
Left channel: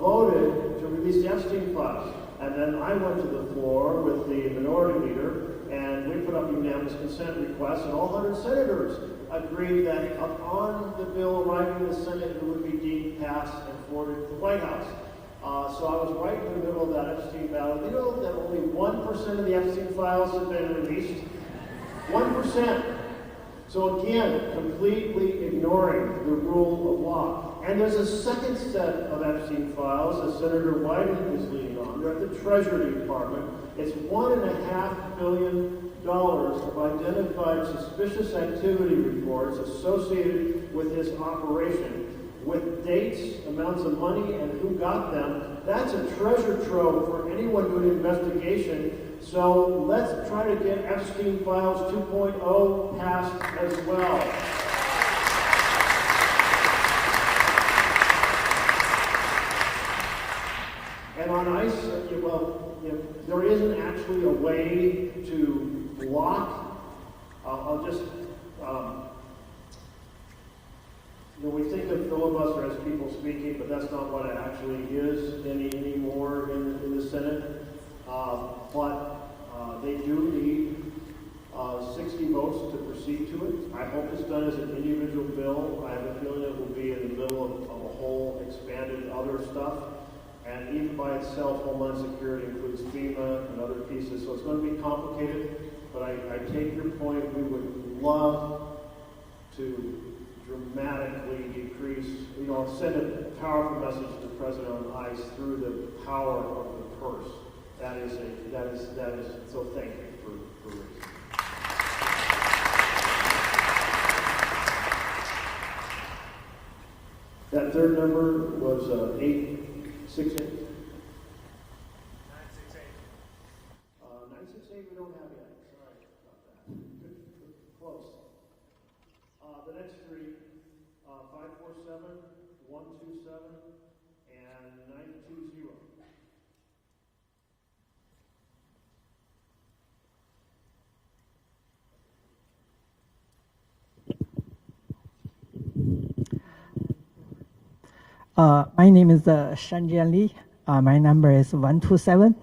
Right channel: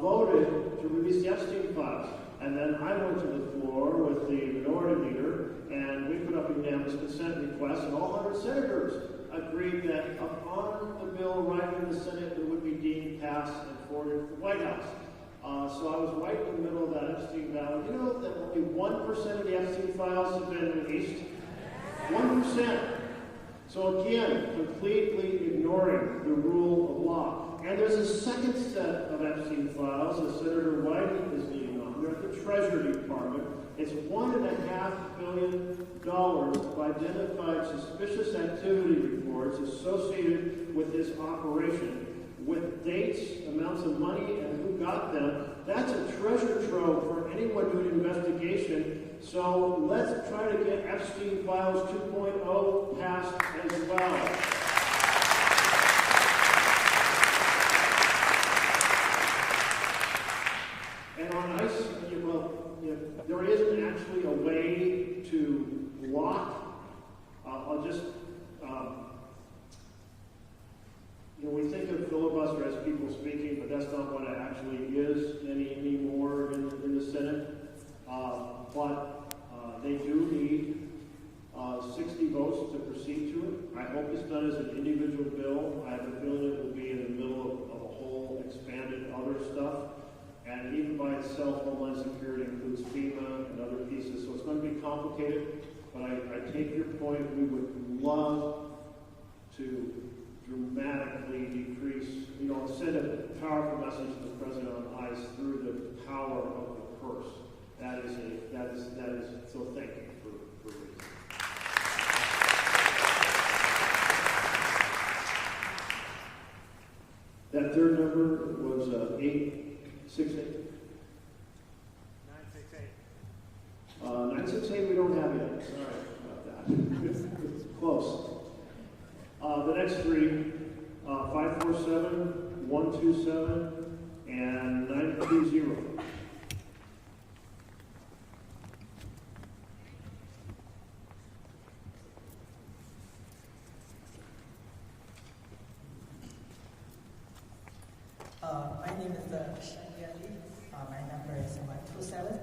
voted to release the Epstein files. And then I went to the floor with the minority leader, and we put up a unanimous consent request, and all 100 senators agreed that upon the bill arriving in the Senate, it would be deemed passed and forwarded to the White House. So I was right in the middle of that Epstein battle. You know that only 1% of the Epstein files have been released? 1%. So again, completely ignoring the rule of law. And there's a second set of Epstein files that Senator Whiting is leading on. They're at the Treasury Department. It's $1.5 billion of identified suspicious activity reports associated with his operation, with dates, amounts of money, and who got them. That's a treasure trove for anyone doing an investigation. So let's try to get Epstein Files 2.0 passed as well. And on ICE, there isn't actually a way to block. I'll just, we think of filibuster as people speaking, but that's not what it actually is anymore in the Senate. But they do need 60 votes to proceed to it. I hope it's done as an individual bill. I have a feeling it will be in the middle of a whole expanded other stuff. And even by itself, Homeland Security includes FEMA and other pieces. So it's going to be complicated, but I take your point. We would love to dramatically decrease, send a powerful message to the President on ICE through the power of the purse. That is, so thank you for raising it. That third number was 868. 968 we don't have yet. Sorry about that. It's close. The next three, 547, 127, and 920. My name is Shanjian Li. My number is 127.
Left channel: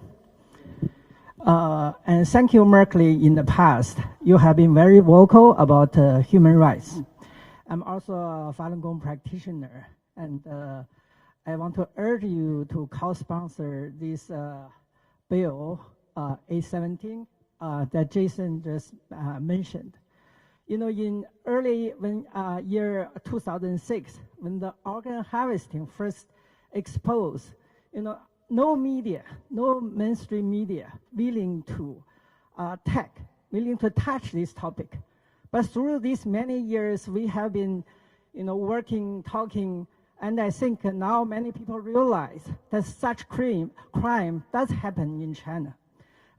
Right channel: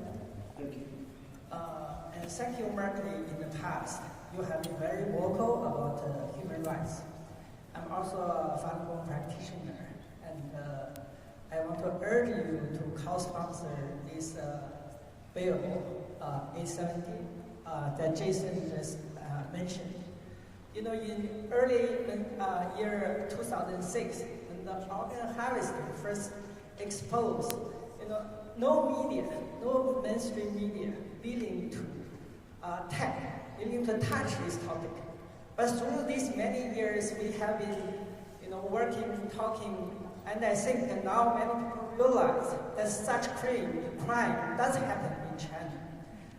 And thank you, Merkley. In the past, you have been very vocal about human rights. I'm also a Falun Gong practitioner, and I want to urge you to co-sponsor this bill, 817, that Jason just mentioned. In early year 2006, when the organ harvesting first exposed, no media, no mainstream media willing to touch this topic. But through these many years, we have been, working, talking, and I think that now many people realize that such crime does happen in China.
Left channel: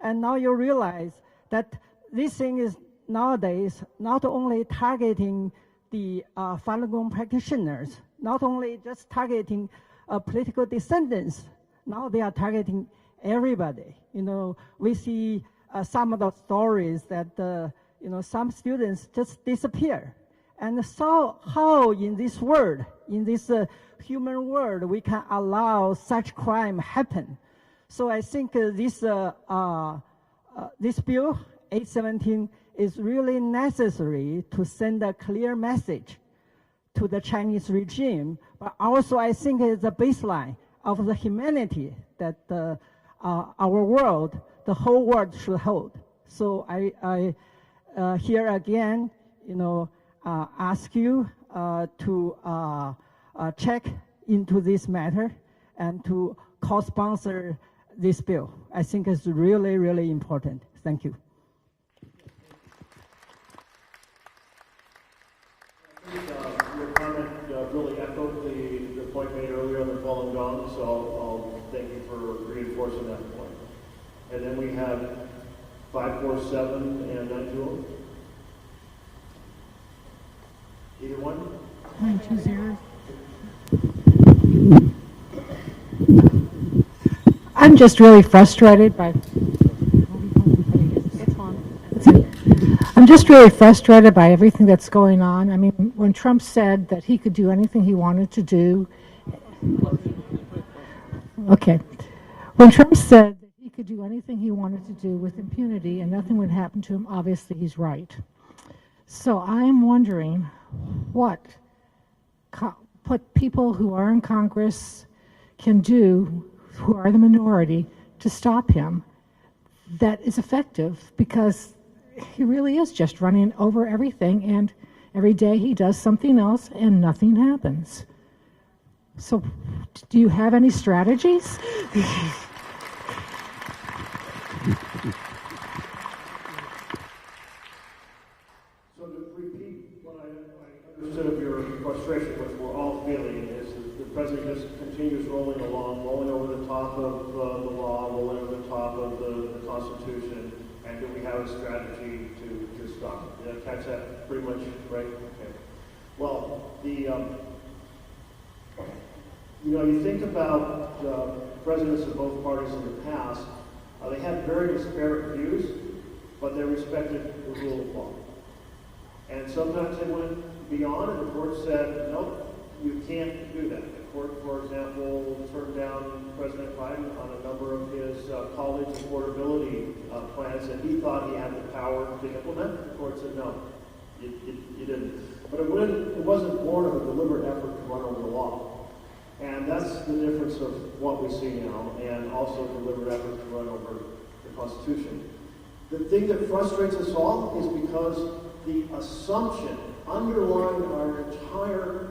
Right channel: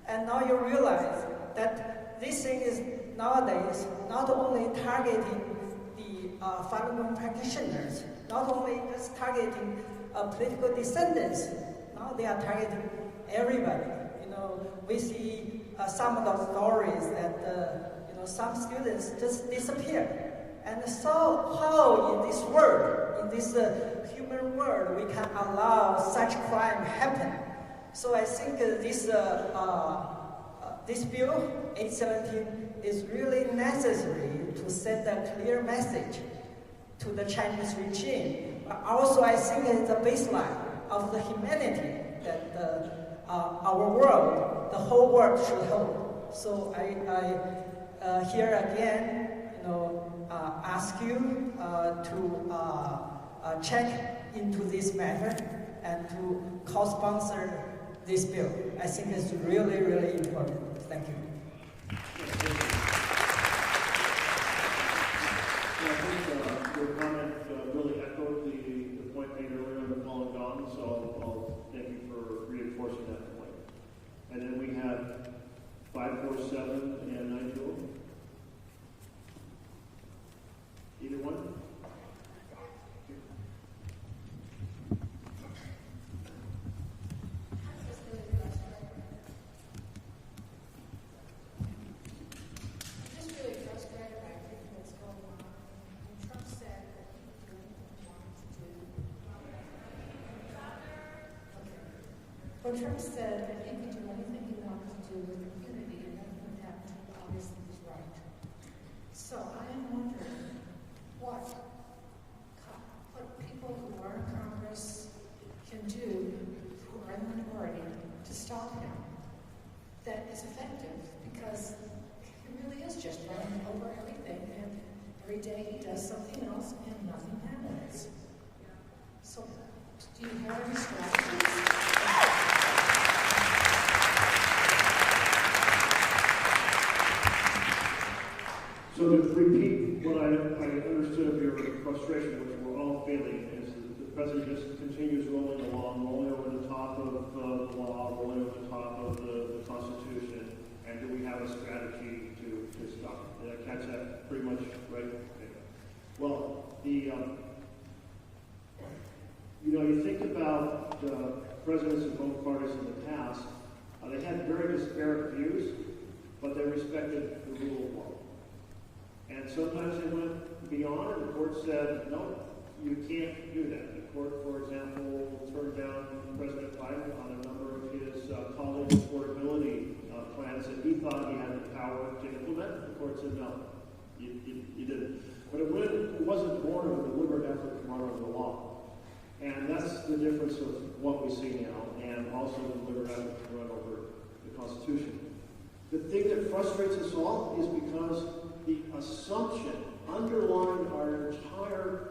And now you realize that this thing is nowadays not only targeting the Falun Gong practitioners, not only just targeting political descendants, now they are targeting everybody. We see some of the stories that some students just disappear. And so how in this world, in this human world, we can allow such crime happen? So I think this bill, 817, is really necessary to send a clear message to the Chinese regime, but also I think it's the baseline of the humanity that our world, the whole world should hold. So I here again, ask you to check into this matter and to co-sponsor this bill. I think it's really, really important. Thank you. Your comment really echoed the point made earlier on the Falun Gong, so I'll thank you for reinforcing that point. And then we have 547 and 920. Either one? 920. I'm just really frustrated by. I'm just really frustrated by everything that's going on. I mean, when Trump said that he could do anything he wanted to do. Okay. When Trump said that he could do anything he wanted to do with impunity and nothing would happen to him, obviously he's right. So I'm wondering what people who are in Congress can do, who are the minority, to stop him that is effective, because he really is just running over everything, and every day he does something else and nothing happens. So do you have any strategies? So to repeat what I understood of your frustration, which we're all feeling, is the president just continues rolling along, rolling over the top of the law, rolling over the top of the Constitution, and do we have a strategy to stop it? Did I catch that pretty much right? Okay. Well, you think about the presidents of both parties in the past, they had very disparate views, but they respected the rule of law. And sometimes they went beyond, and the court said, no, you can't do that. The court, for example, turned down President Biden on a number of his college affordability plans that he thought he had the power to implement. The court said, no, you didn't. But it wasn't born of a deliberate effort to run over the law. And that's the difference of what we see now, and also deliberate effort to run over the Constitution. The thing that frustrates us all is because the assumption underlying our entire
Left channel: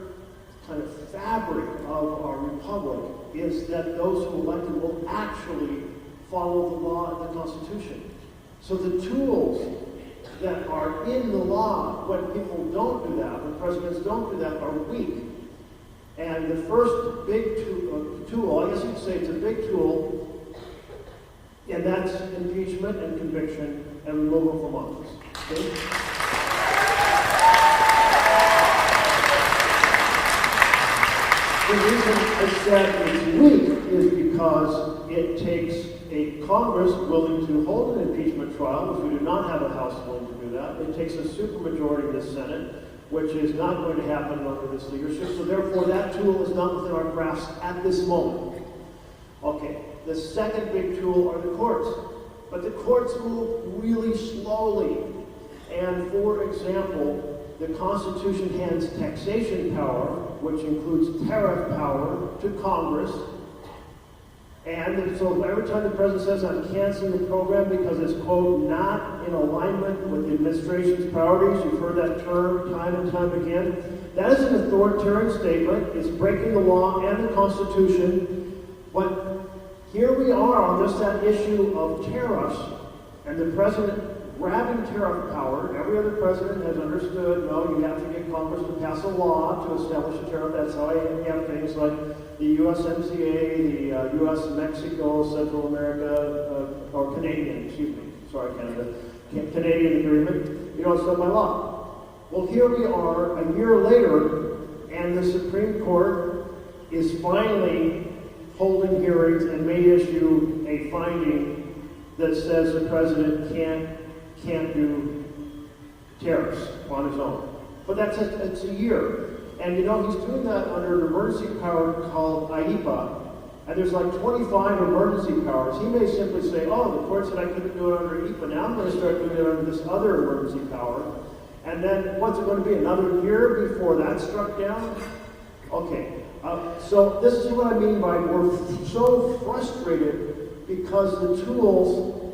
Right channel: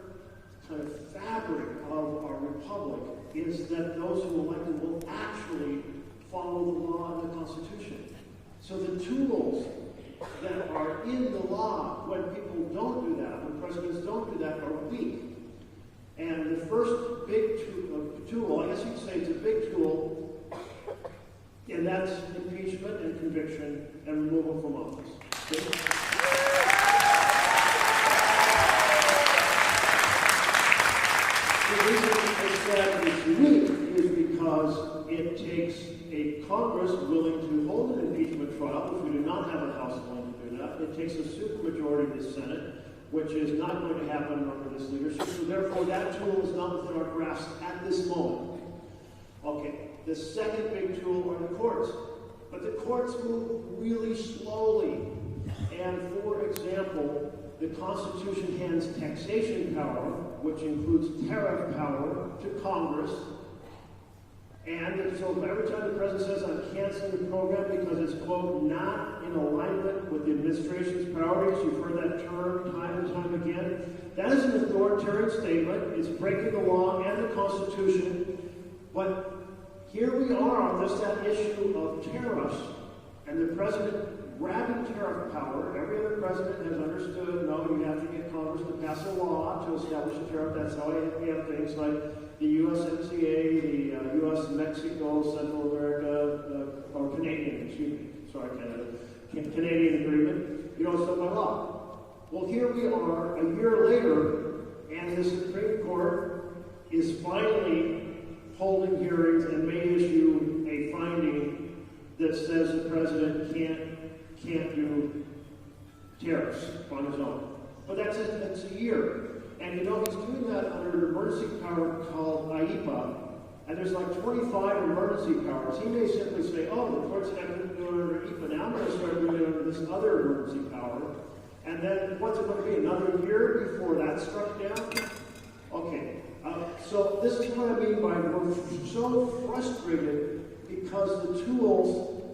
kind of fabric of our republic is that those who elected will actually follow the law and the Constitution. So the tools that are in the law when people don't do that, when presidents don't do that, are weak. And the first big tool, I guess you'd say it's a big tool, and that's impeachment and conviction and removal from office. Okay? The reason I said it's weak is because it takes a Congress willing to hold an impeachment trial, which we do not have a House willing to do that. It takes a supermajority in the Senate, which is not going to happen under this leadership. So therefore, that tool is not within our grasp at this moment. Okay, the second big tool are the courts. But the courts move really slowly. And for example, the Constitution hands taxation power, which includes tariff power, to Congress. And so every time the president says, I'm canceling the program because it's, quote, not in alignment with the administration's priorities, you've heard that term time and time again, that is an authoritarian statement. It's breaking the law and the Constitution. But here we are on just that issue of tariffs, and the president grabbing tariff power. Every other president has understood, no, you have to get Congress to pass a law to establish a tariff. That's how you have things like the USMCA, the US-Mexico, Central America, or Canadian, excuse me, sorry, Canada, Canadian agreement. You know, it's done by law. Well, here we are a year later, and the Supreme Court is finally holding hearings and may issue a finding that says the president can't do tariffs on his own. But that's a year. And you know, he's doing that under an emergency power called IEPA. And there's like 25 emergency powers. He may simply say, oh, the court said I couldn't do it under IEPA. Now I'm going to start doing it under this other emergency power. And then what's it going to be, another year before that's struck down? Okay, so this is what I mean by we're so frustrated because the tools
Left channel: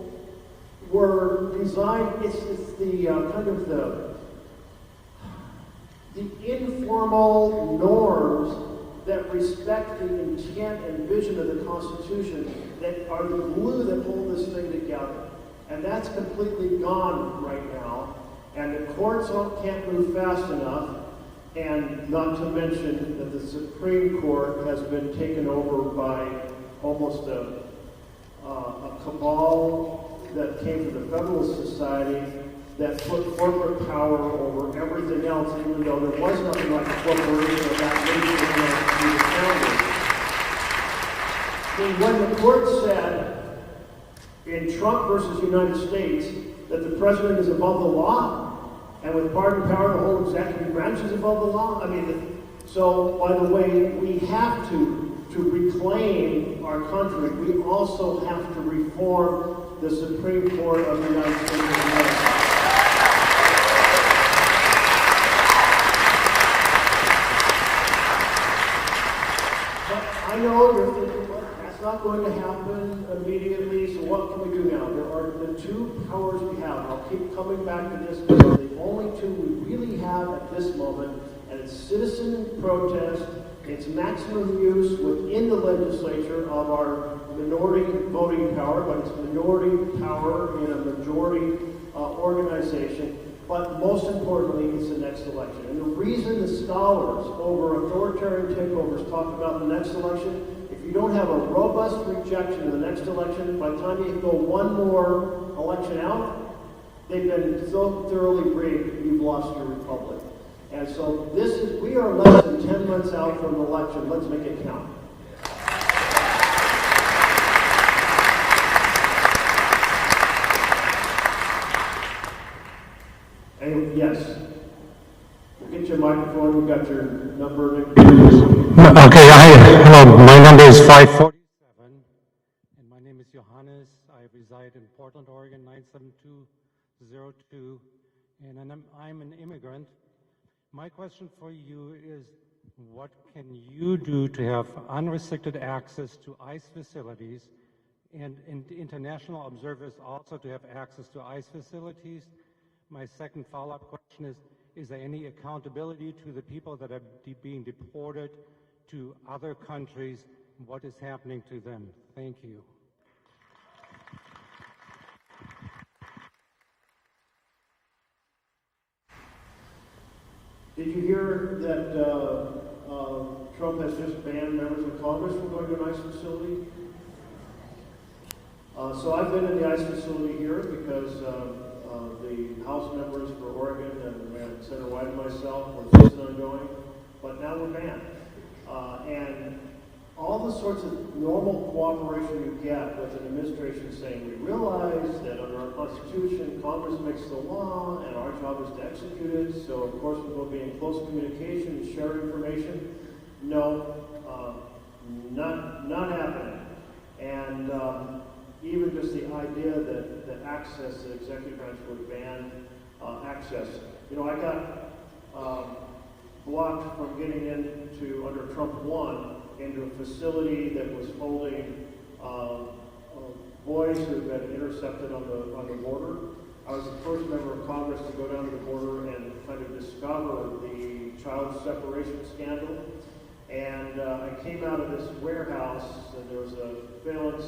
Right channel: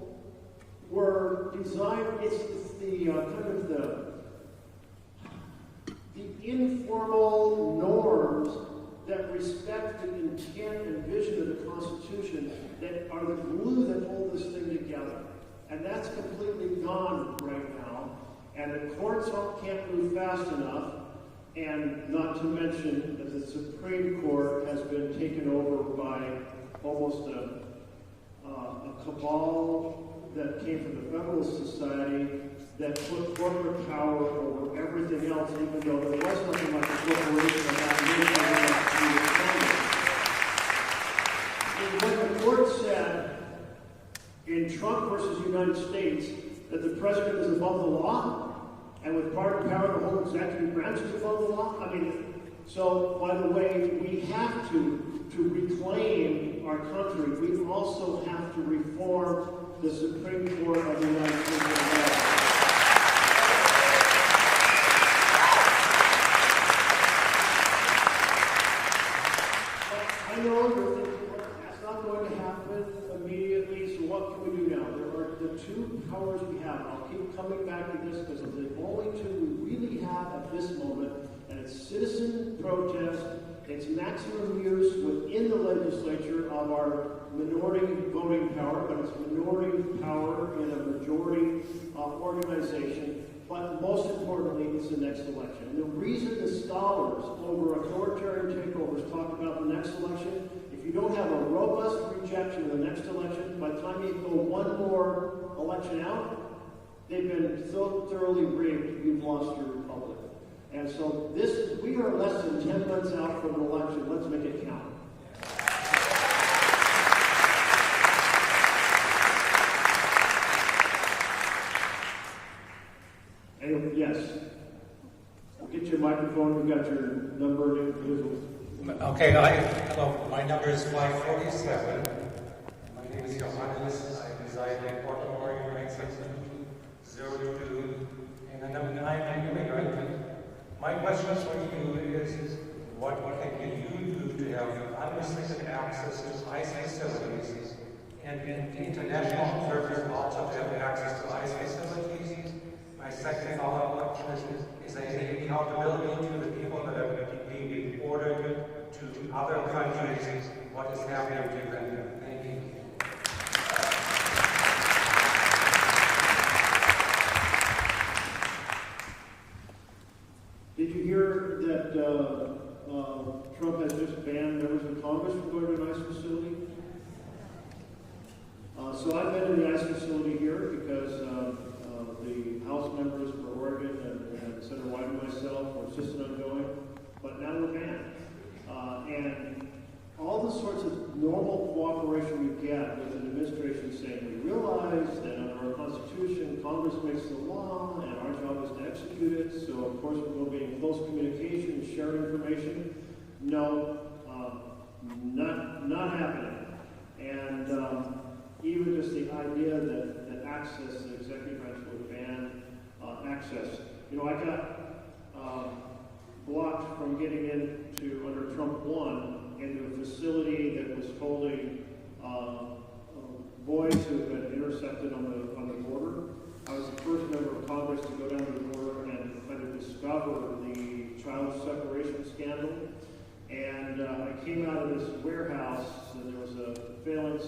were designed, it's the kind of the informal norms that respect the intent and vision of the Constitution that are the glue that hold this thing together. And that's completely gone right now. And the courts can't move fast enough, and not to mention that the Supreme Court has been taken over by almost a cabal that came from the Federalist Society that put corporate power over everything else, even though there was nothing like a corporation that when the court said in Trump versus United States that the president is above the law, and with pardon power, the whole executive branch is above the law. I mean, so by the way, we have to reclaim our country. We also have to reform the Supreme Court of the United States of America. I know you're thinking, well, that's not going to happen immediately, so what can we do now? There are the two powers we have. I'll keep coming back to this because the only two we really have at this moment, and it's citizen protest, it's maximum use within the legislature of our minority voting power, but it's minority power in a majority organization. But most importantly, it's the next election. And the reason the scholars over authoritarian takeovers talk about the next election, if you don't have a robust rejection in the next election, by the time you go one more election out, they've been so thoroughly rigged, you've lost your republic. And so we are less than 10 months out from an election. Let's make it count. And yes, we'll get you a microphone. We got your number. Okay, hello, my number is 5447. My name is Johannes. I reside in Baltimore, United States, 02, and I'm an immigrant. My question for you is, what can you do to have unrestricted access to ICE facilities and international observers also to have access to ICE facilities? My second follow-up question is any accountability to the people that are being deported to other countries? What is happening to them? Thank you. Did you hear that Trump has just banned members of Congress from going to an ICE facility? So I've been in the ICE facility here because the House members for Oregon and Senator White and myself were insisting on going, but now we're banned. And all the sorts of normal cooperation you get with an administration saying, we realize that under our Constitution, Congress makes the law, and our job is to execute it, so of course we will be in close communication and share information. No, not happening. And even just the idea that access to the executive branch would ban access. You know, I got blocked from getting into, under Trump 1, into a facility that was holding boys who had been intercepted on the border. I was the first member of Congress to go down to the border and kind of discover the child separation scandal. And I came out of this warehouse, and there was a phalanx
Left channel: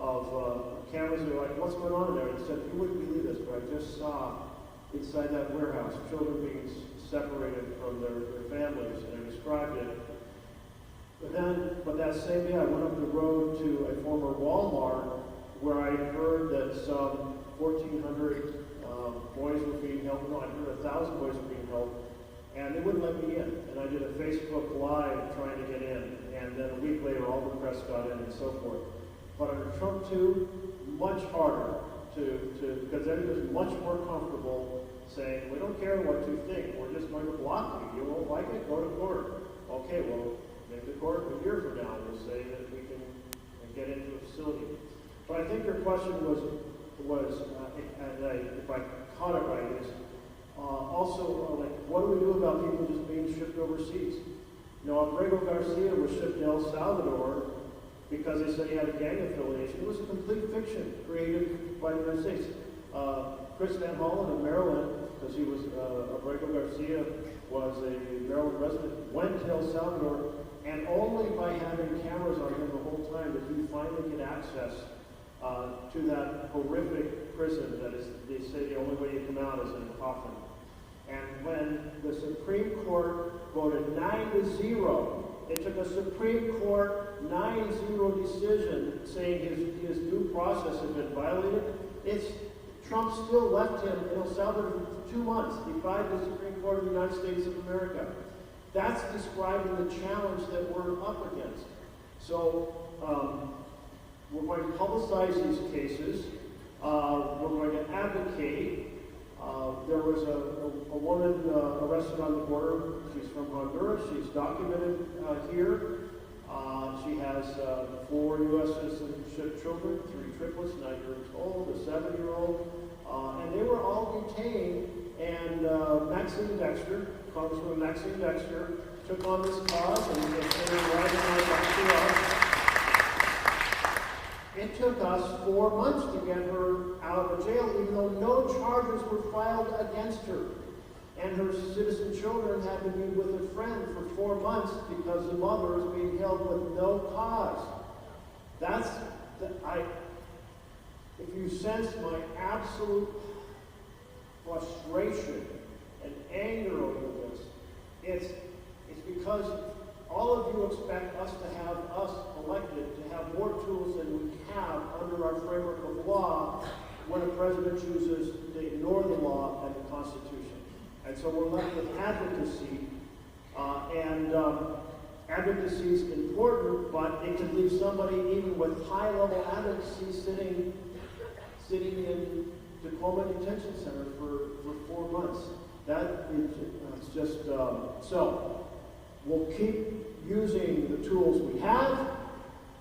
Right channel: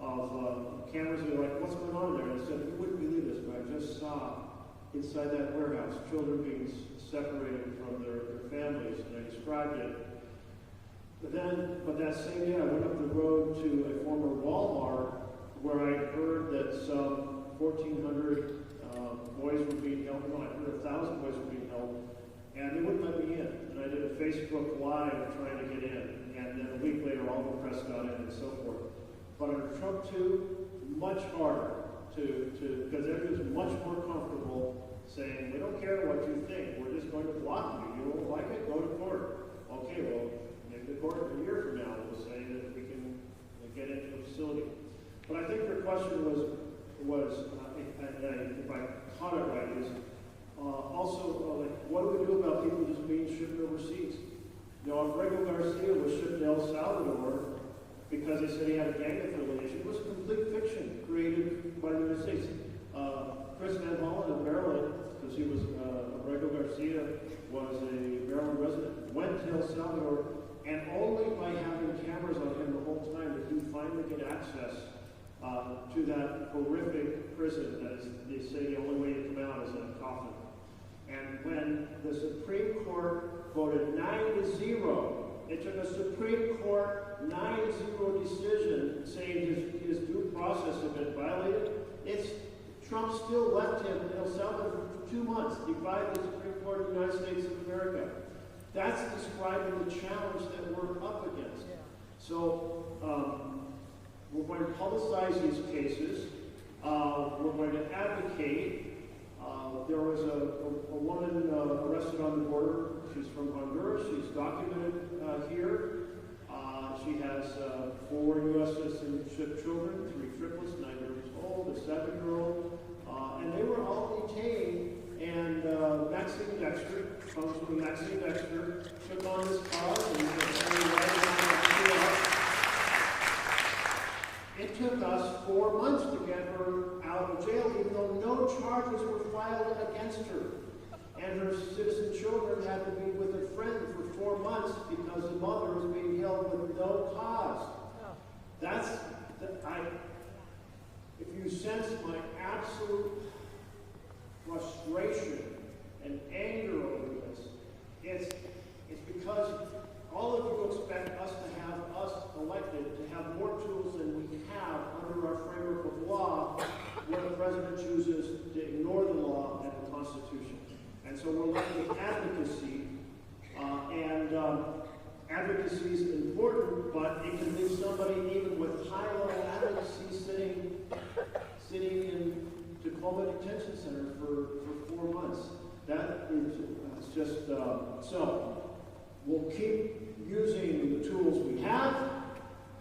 of cameras. They were like, what's going on there? And I said, you wouldn't believe this, but I just saw inside that warehouse children being separated from their families, and I described it. But that same day, I went up the road to a former Walmart where I heard that some 1,400 boys were being held. No, I heard 1,000 boys were being held built, and they wouldn't let me in. And I did a Facebook Live trying to get in, and then a week later all the press got in and so forth. But under Trump 2, much harder because everybody was much more comfortable saying, we don't care what you think, we're just going to block you. You don't like it, go to court. Okay, well, maybe the court a year from now will say that we can get into the facility. But I think your question was and if I caught it right, is also like, what do we do about people just being shipped overseas? You know, Alfredo Garcia was shipped to El Salvador because they said he had a gang affiliation. It was a complete fiction created by the United States. Chris Van Hollen in Maryland, because he was, Alfredo Garcia was a Maryland resident, went to El Salvador, and only by having cameras on him the whole time did he finally get access to that horrific prison that is, they say the only way to come out is in a coffin. And when the Supreme Court voted 9-0, it took a Supreme Court 9-0 decision saying his due process had been violated. Trump still left him in El Salvador for 2 months. He defied the Supreme Court of the United States of America. That's describing the challenge that we're up against. So we're going to publicize these cases. We're going to advocate. There was a woman arrested on the border. She's from Honduras. She's documented here. She has 4 U.S. citizenship children, 3 triplets, 9 years old, a 7-year-old. And they were all detained, and Maxine Dexter, Congresswoman Maxine Dexter, took on this cause and was carried right on back to us. It took us 4 months to get her out of jail, even though no charges were filed against her. And her citizen children had to be with a friend for 4 months because the mother is being held with no cause. If you sense my absolute frustration and anger over this, it's because all of you expect us to have us elected to have more tools than we have under our framework of law when a president chooses to ignore the law and the Constitution. And so we're left with advocacy, advocacy is important, but it can leave somebody even with high-level advocacy sitting in Tacoma Detention Center for 4 months. That is just, so we'll keep using the tools we have.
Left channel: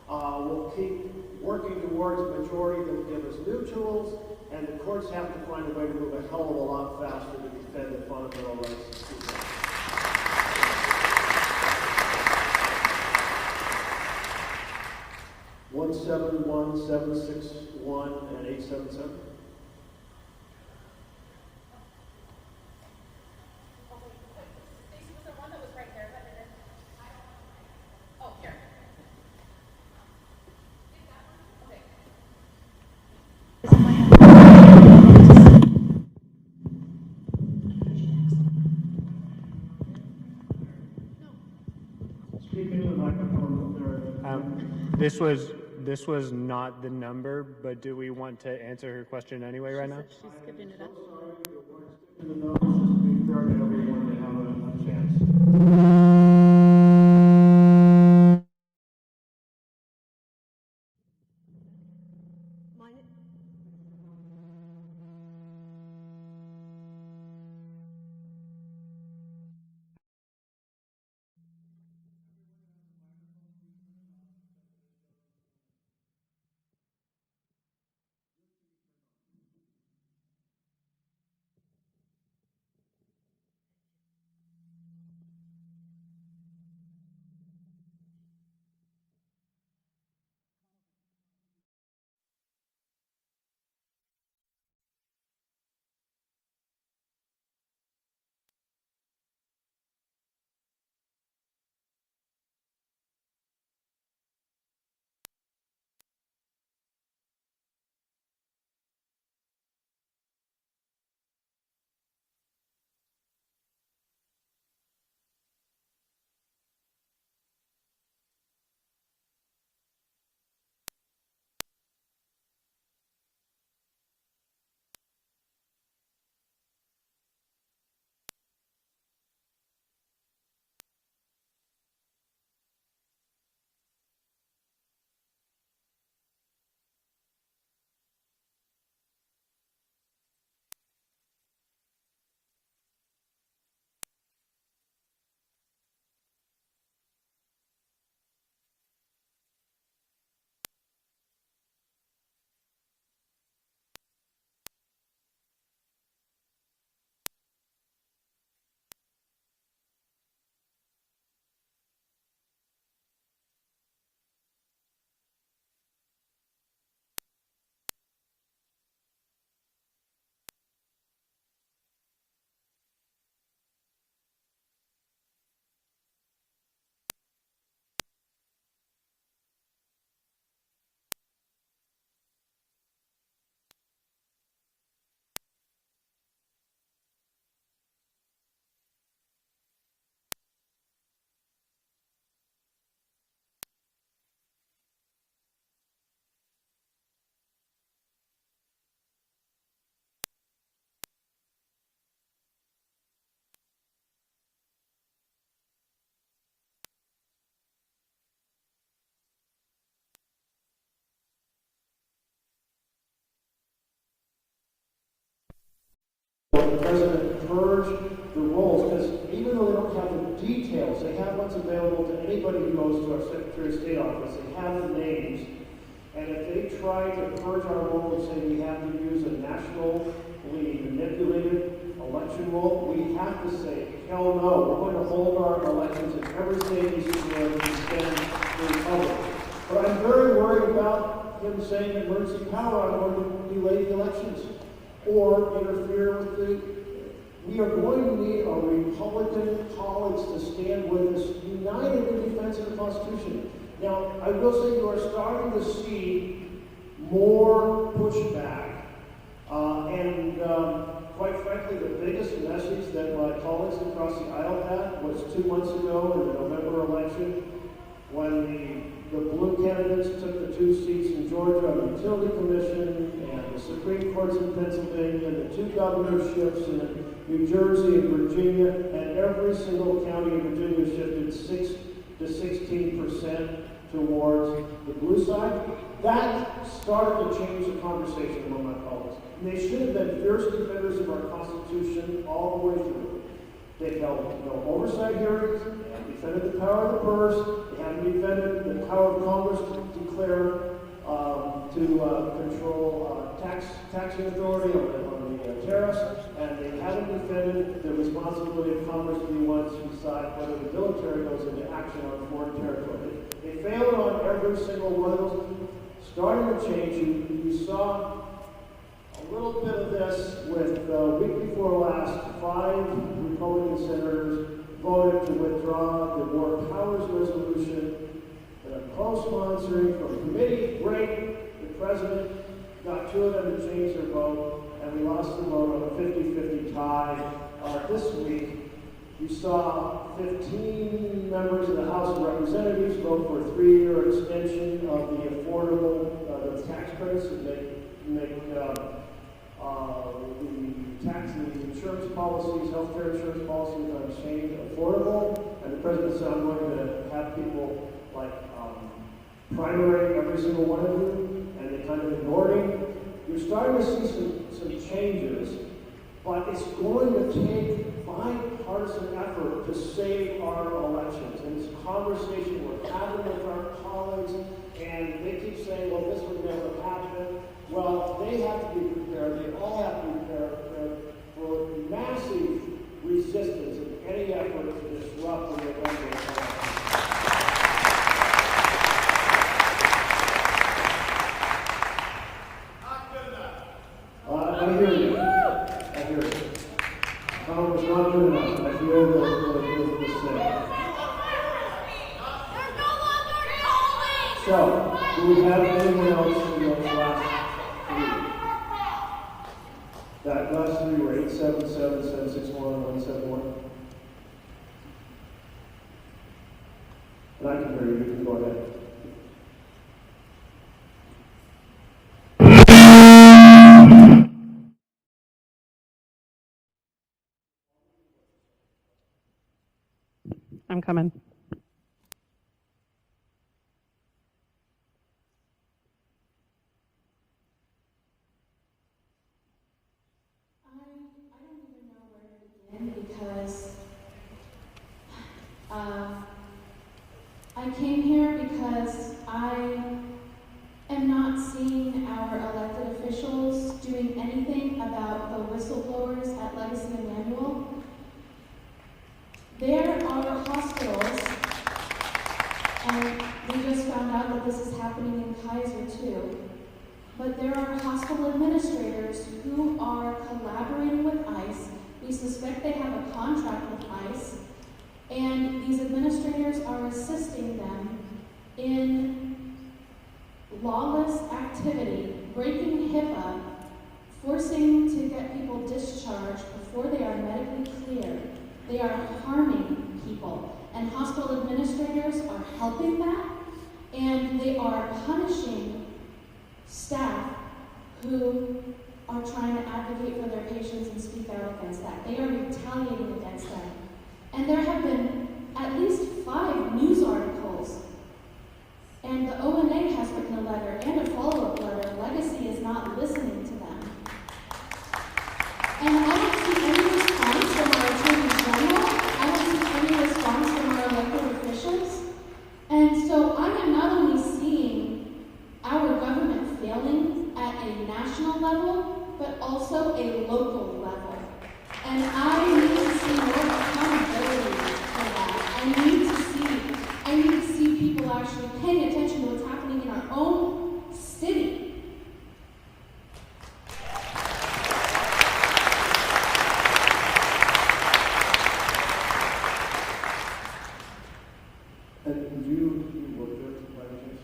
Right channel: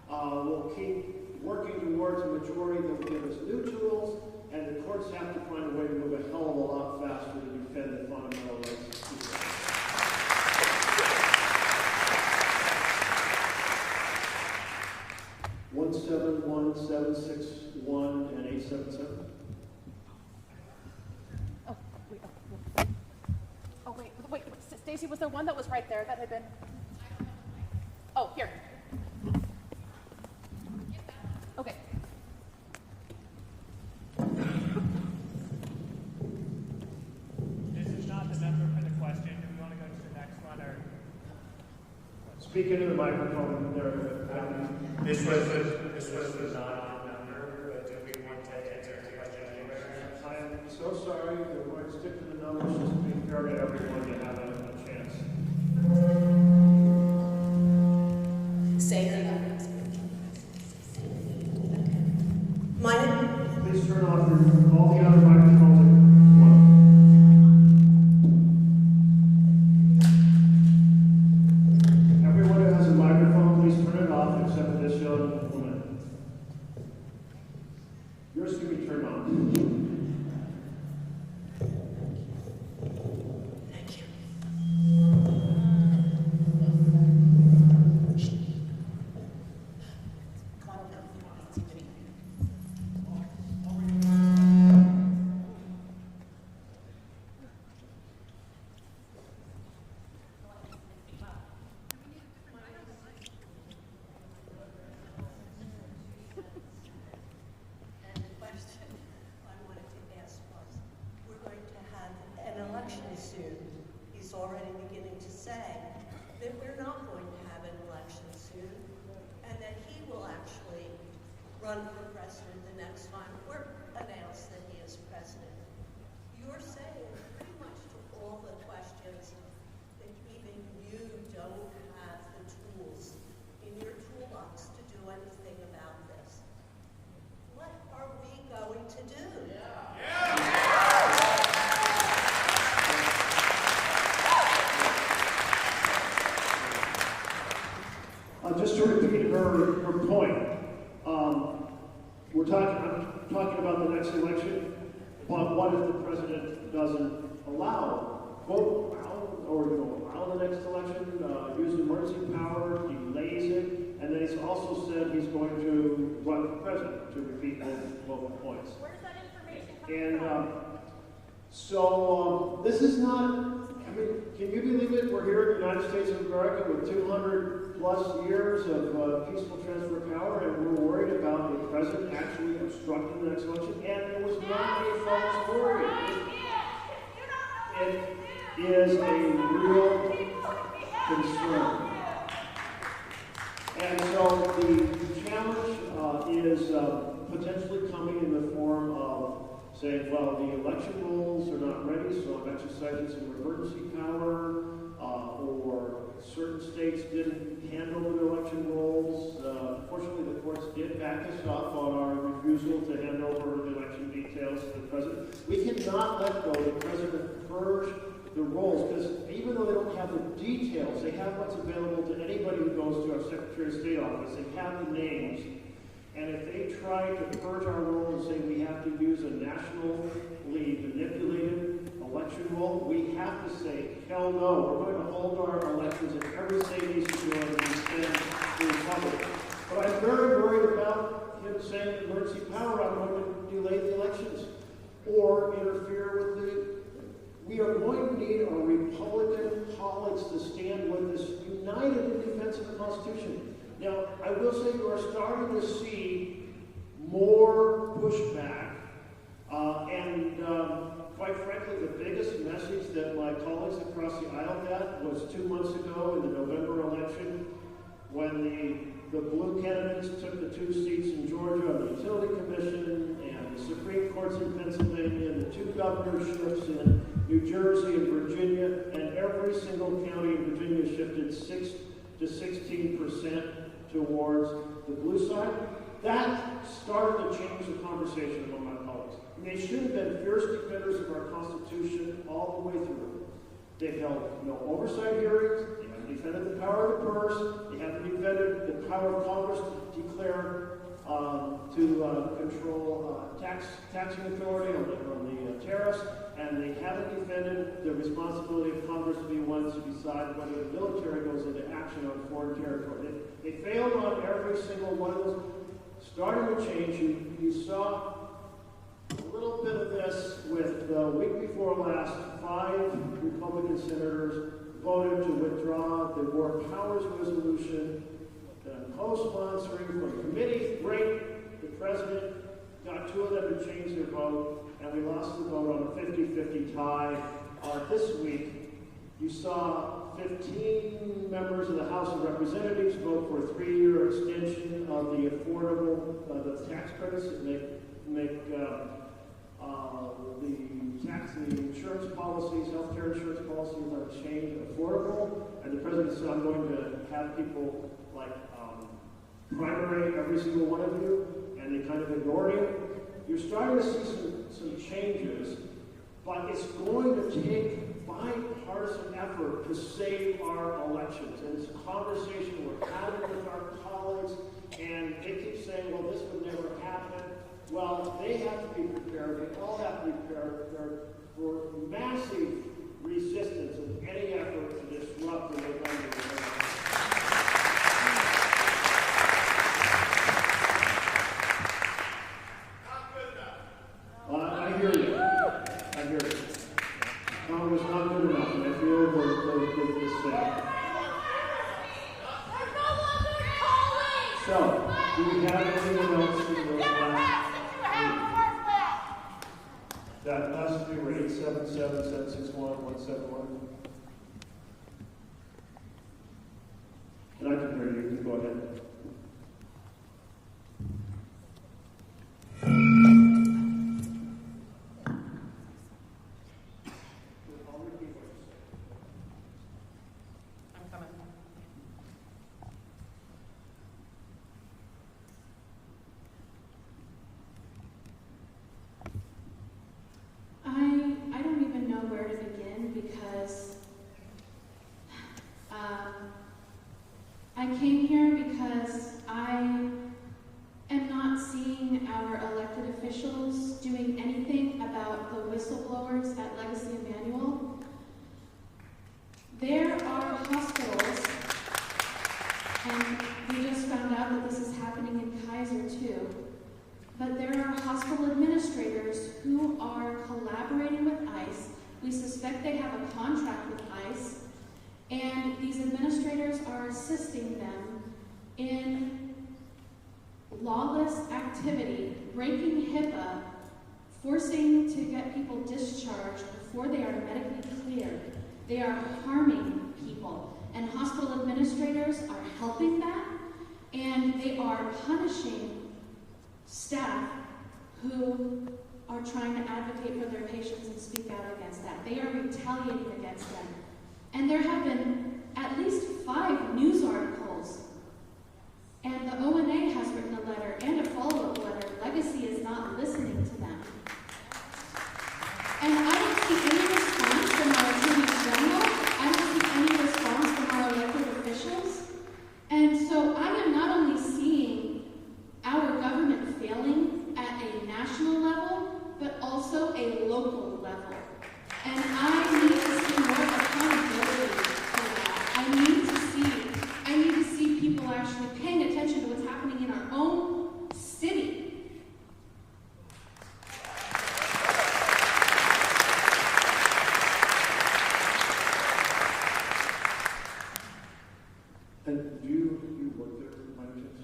We'll keep working towards a majority that will give us new tools, and the courts have to find a way to move a hell of a lot faster to defend the fundamental rights of people. 171, 761, and 877. Oh, wait. Stacy, was there one that was right there that had been? Oh, here. Okay. This is not the number for the question. Do we want to go to the next one, or? Speak into the microphone there. This was not the number, but do we want to answer your question anyway right now? I am so sorry. We're going to stick to the numbers just to be fair to everyone to have a chance. Say the numbers. Please turn off all the other microphones at once. Everyone who has a microphone, please turn it off except for this young woman. Yours can be turned on. Thank you. And the question I wanted to ask was, we're going to have an election soon. He's already beginning to say that we're not going to have an election soon, and that he will actually run for president the next time or announce that he is president. You're saying pretty much to all the questions what if the president doesn't allow, quote, allow the next election, use emergency power, delays it, and then he's also said he's going to run for president to repeat both points. Where's that information coming And from? so this is not, I mean, can you believe it? We're here in the United States of America with 200 plus years of peaceful transfer of power, and we're worried about the president actually obstructing the next election, and it was not a false story. It is a real concern. And so the challenge is potentially coming in the form of saying, well, the election rules are not ready, so I'm exercising some emergency power, or certain states didn't handle the election rules. Fortunately, the courts did back us up on our refusal to hand over the election details to the president. We cannot let go of the president purge the rolls, because even though they don't have the details, they have what's available to anybody who goes to our Secretary of State office. They have the names. And if they try to purge our roll and say we have to use a nationally manipulated election roll, we have to say, hell no, we're going to hold our elections in every state is going to stand for the public. But I'm very worried about him saying emergency power, I'm going to delay the elections or interfere with the. We are going to need our Republican colleagues to stand with us, united in defense of the Constitution. Now, I will say you are starting to see more pushback, and quite frankly, the biggest message that my colleagues across the aisle had was 2 months ago in the November election, when the blue candidates took the 2 seats in Georgia on the Utility Commission, and the Supreme Courts in Pennsylvania, and the 2 governorships in New Jersey and Virginia, and every single county in Virginia shifted 6 to 16% towards the blue side. That started to change the conversation among my colleagues. And they should have been fierce defenders of our Constitution all the way through. They held no oversight hearings, they have defended the power of the purse, they have defended the power of Congress to declare, control taxing authority on the tariffs, and they haven't defended the responsibility of Congress to be one to decide whether the military goes into action on foreign territory. They failed on every single one of those. Starting to change, you saw a little bit of this with the week before last, 5 Republican senators voted to withdraw the War Powers Resolution that I'm co-sponsoring from committee. Great. The president got 2 of them to change their vote, and we lost the vote on a 50-50 tie. This week, you saw 15 members of the House of Representatives vote for a 3-year extension of the affordable tax credits that make the tax and insurance policies, healthcare insurance policies on exchange affordable. And the president said, I'm going to have people like primary every single one of you, and they kind of ignored it. You're starting to see some changes, but it's going to take bipartisan effort to save our elections. And it's a conversation we're having with our colleagues, and they keep saying, well, this would never happen. Well, they have to be prepared. They all have to be prepared for massive resistance in any effort to disrupt the electoral process. I hear you. I hear you. Congress not good enough. I feel the same. So, do we have anything else in the last 3? That last 3 were 877, 761, 171. And I can hear you. You can go ahead. I'm coming. I don't even know where to begin because I came here because I am not seeing our elected officials doing anything about the hospital administrators who are collaborating with ICE. We suspect they have a contract with ICE, and these administrators are assisting them in lawless activity, breaking HIPAA, forcing to get people discharged before they are medically cleared. They are harming people, and hospital administrators are helping that, and they are punishing staff who are trying to advocate for their patients and speak out against that. They are retaliating against them. And there have been at least 5 news articles, and the ONA has written a letter and a follow-up letter. Legacy is not listening to them. And I don't see any response from our Attorney General. I don't see any response from our elected officials. And so I am not only seeing our government failing at a national level, but also a local level. And I need to see more accountability for that. I need to see people actually paying attention to what's happening in our own city. And do you work there by any chance?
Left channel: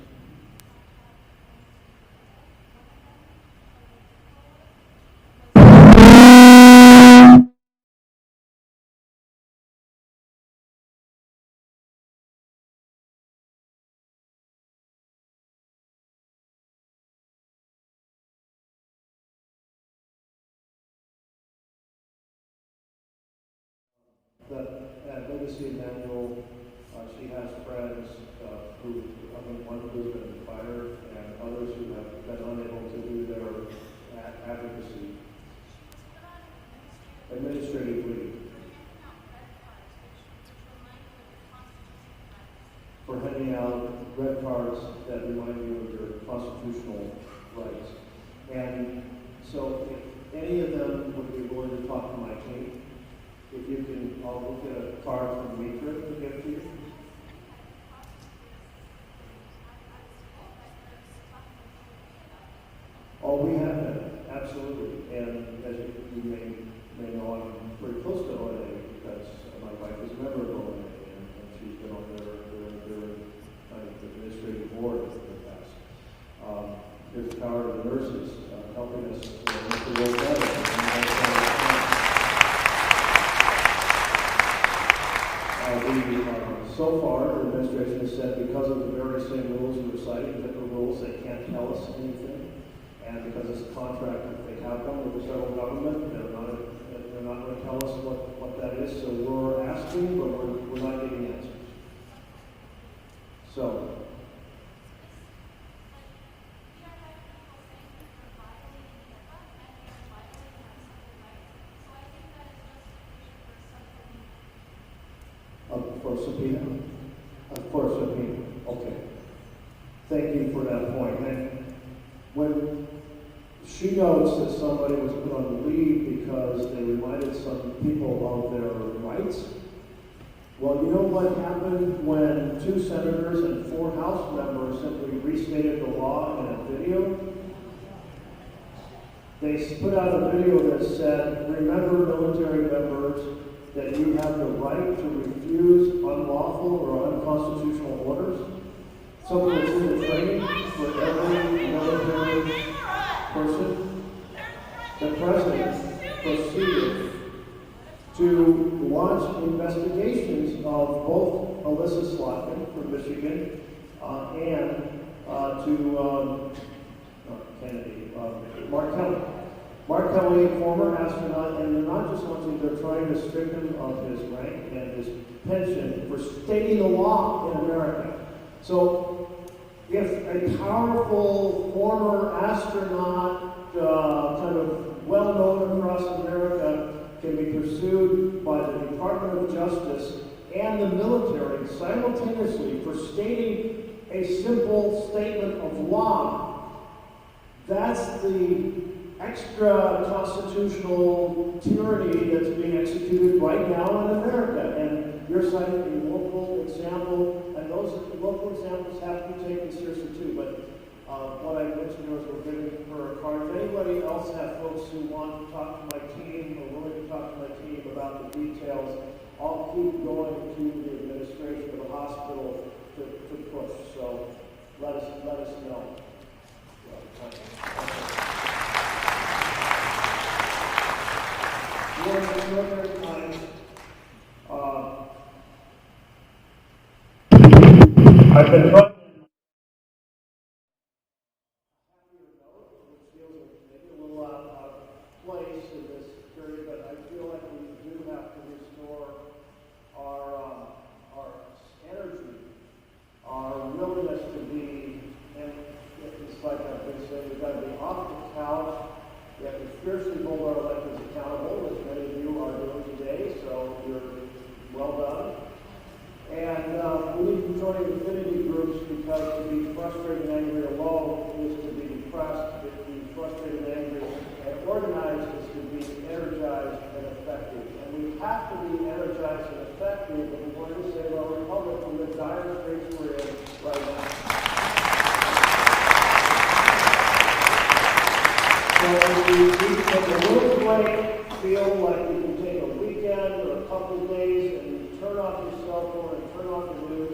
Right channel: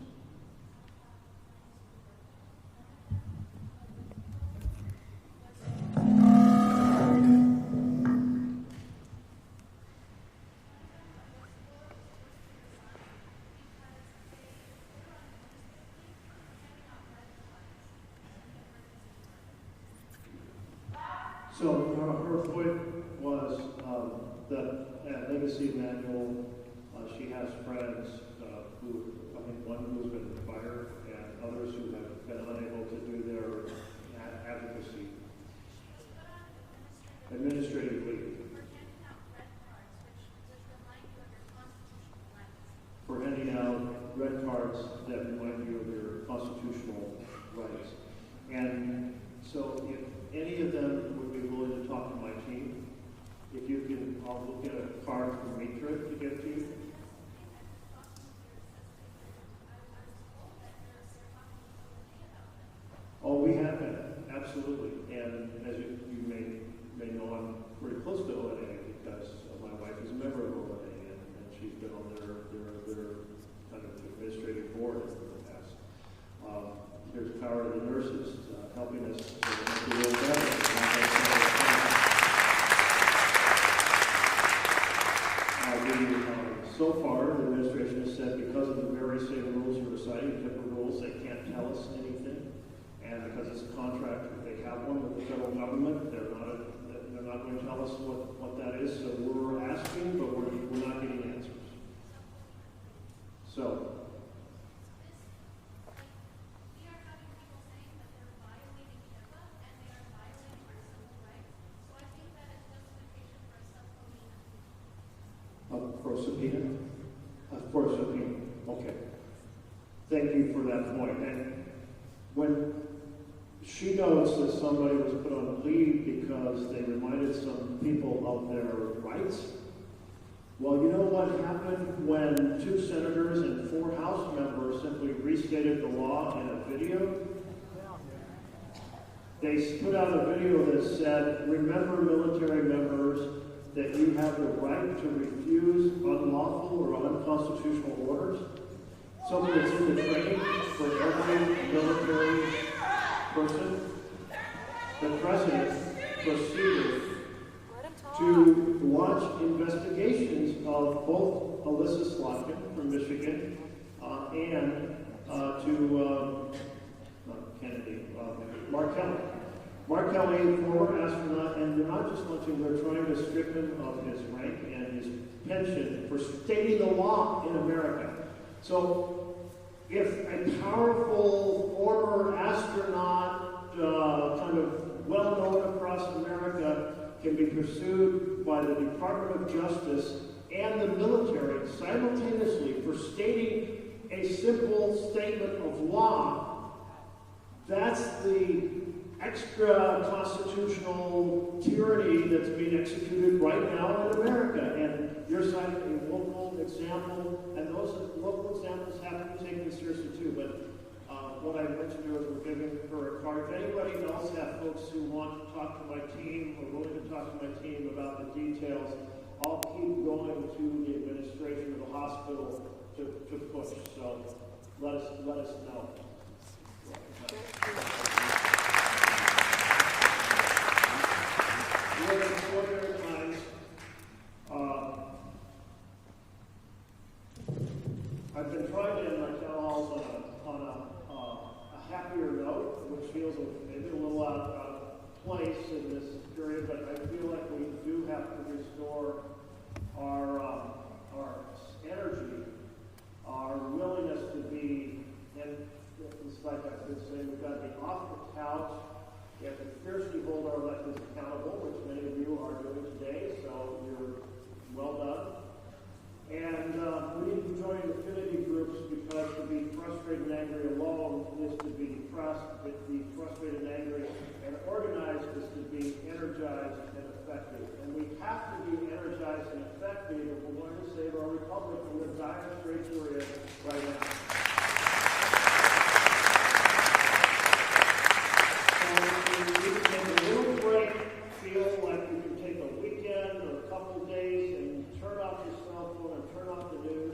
So her point was that Legacy Emmanuel, she has friends one who has been fired and others who have been unable to do their advocacy administratively for handing out red cards that remind you of your constitutional rights. And so if any of them would be willing to talk to my team, if you can, I'll look at a card from Mitra to get to you. Oh, we have that, absolutely. And as you may know, I'm pretty close to ONA because my wife is a member of ONA, and she's been on their kind of administrative board in the past. There's the power of the nurses helping us make the work better. So far, the administration has said because of the very same rules you were citing, different rules, they can't tell us anything. And because it's a contract, if they have one with the federal government, they're not going to tell us what that is. So we're asking, but we're not getting answers. So. For subpoena. Okay. Thank you for that point. And when she notes that somebody was put on the leave because they reminded some people of their rights, well, you know what happened when 2 senators and 4 House members simply restated the law in a video? They put out a video that said, remember military members, that you have the right to refuse unlawful or unconstitutional orders. Something that's in the training for every military person. The president proceeded to launch investigations of both Alyssa Slotkin from Michigan and Mark Kelly. Mark Kelly, a former astronaut, and they're not just launching, they're trying to strip him of his rank and his pension for stating the law in America. So if a powerful former astronaut, kind of well-known across America, can be pursued by the Department of Justice and the military simultaneously for stating a simple statement of law, that's the extra constitutional tyranny that's being executed right now in America. And you're citing a local example, and those local examples have to be taken seriously too. But What I mentioned was we're giving her a card. If anybody else have folks who want to talk to my team or willing to talk to my team about the details, I'll keep going to the administration of the hospital to push. So let us know. I've been trying to end my town halls on a happier note, which feels maybe a little out of place in this period, but I feel like we do have to restore our energy, our willingness to be, and it's like I've been saying, we've got to be off the couch. We have to fiercely hold our electeds accountable, which many of you are doing today, so you're well done. And we need to join affinity groups because to be frustrated and angry alone is to be depressed, to be frustrated and angry and organized is to be energized and effective. And we have to be energized and effective if we want to save our republic from the dire straits we're in right now. So we take a little break, feel like we can take a weekend or a couple days and turn off your cell phone and turn off the news.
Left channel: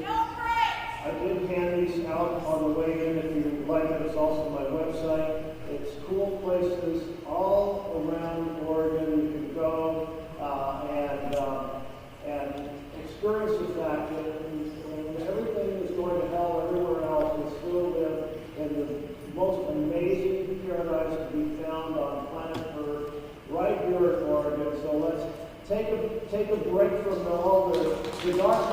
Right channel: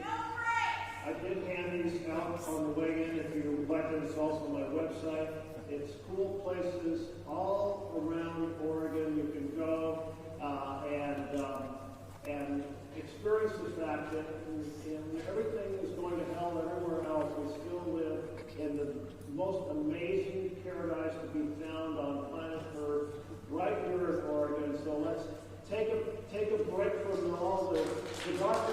I did hand these out on the way in if you would like it. It's also on my website. It's cool places all around Oregon you can go and experience the fact that when everything is going to hell everywhere else, we still live in the most amazing paradise to be found on planet Earth, right here in Oregon. So let's take a break from all the dark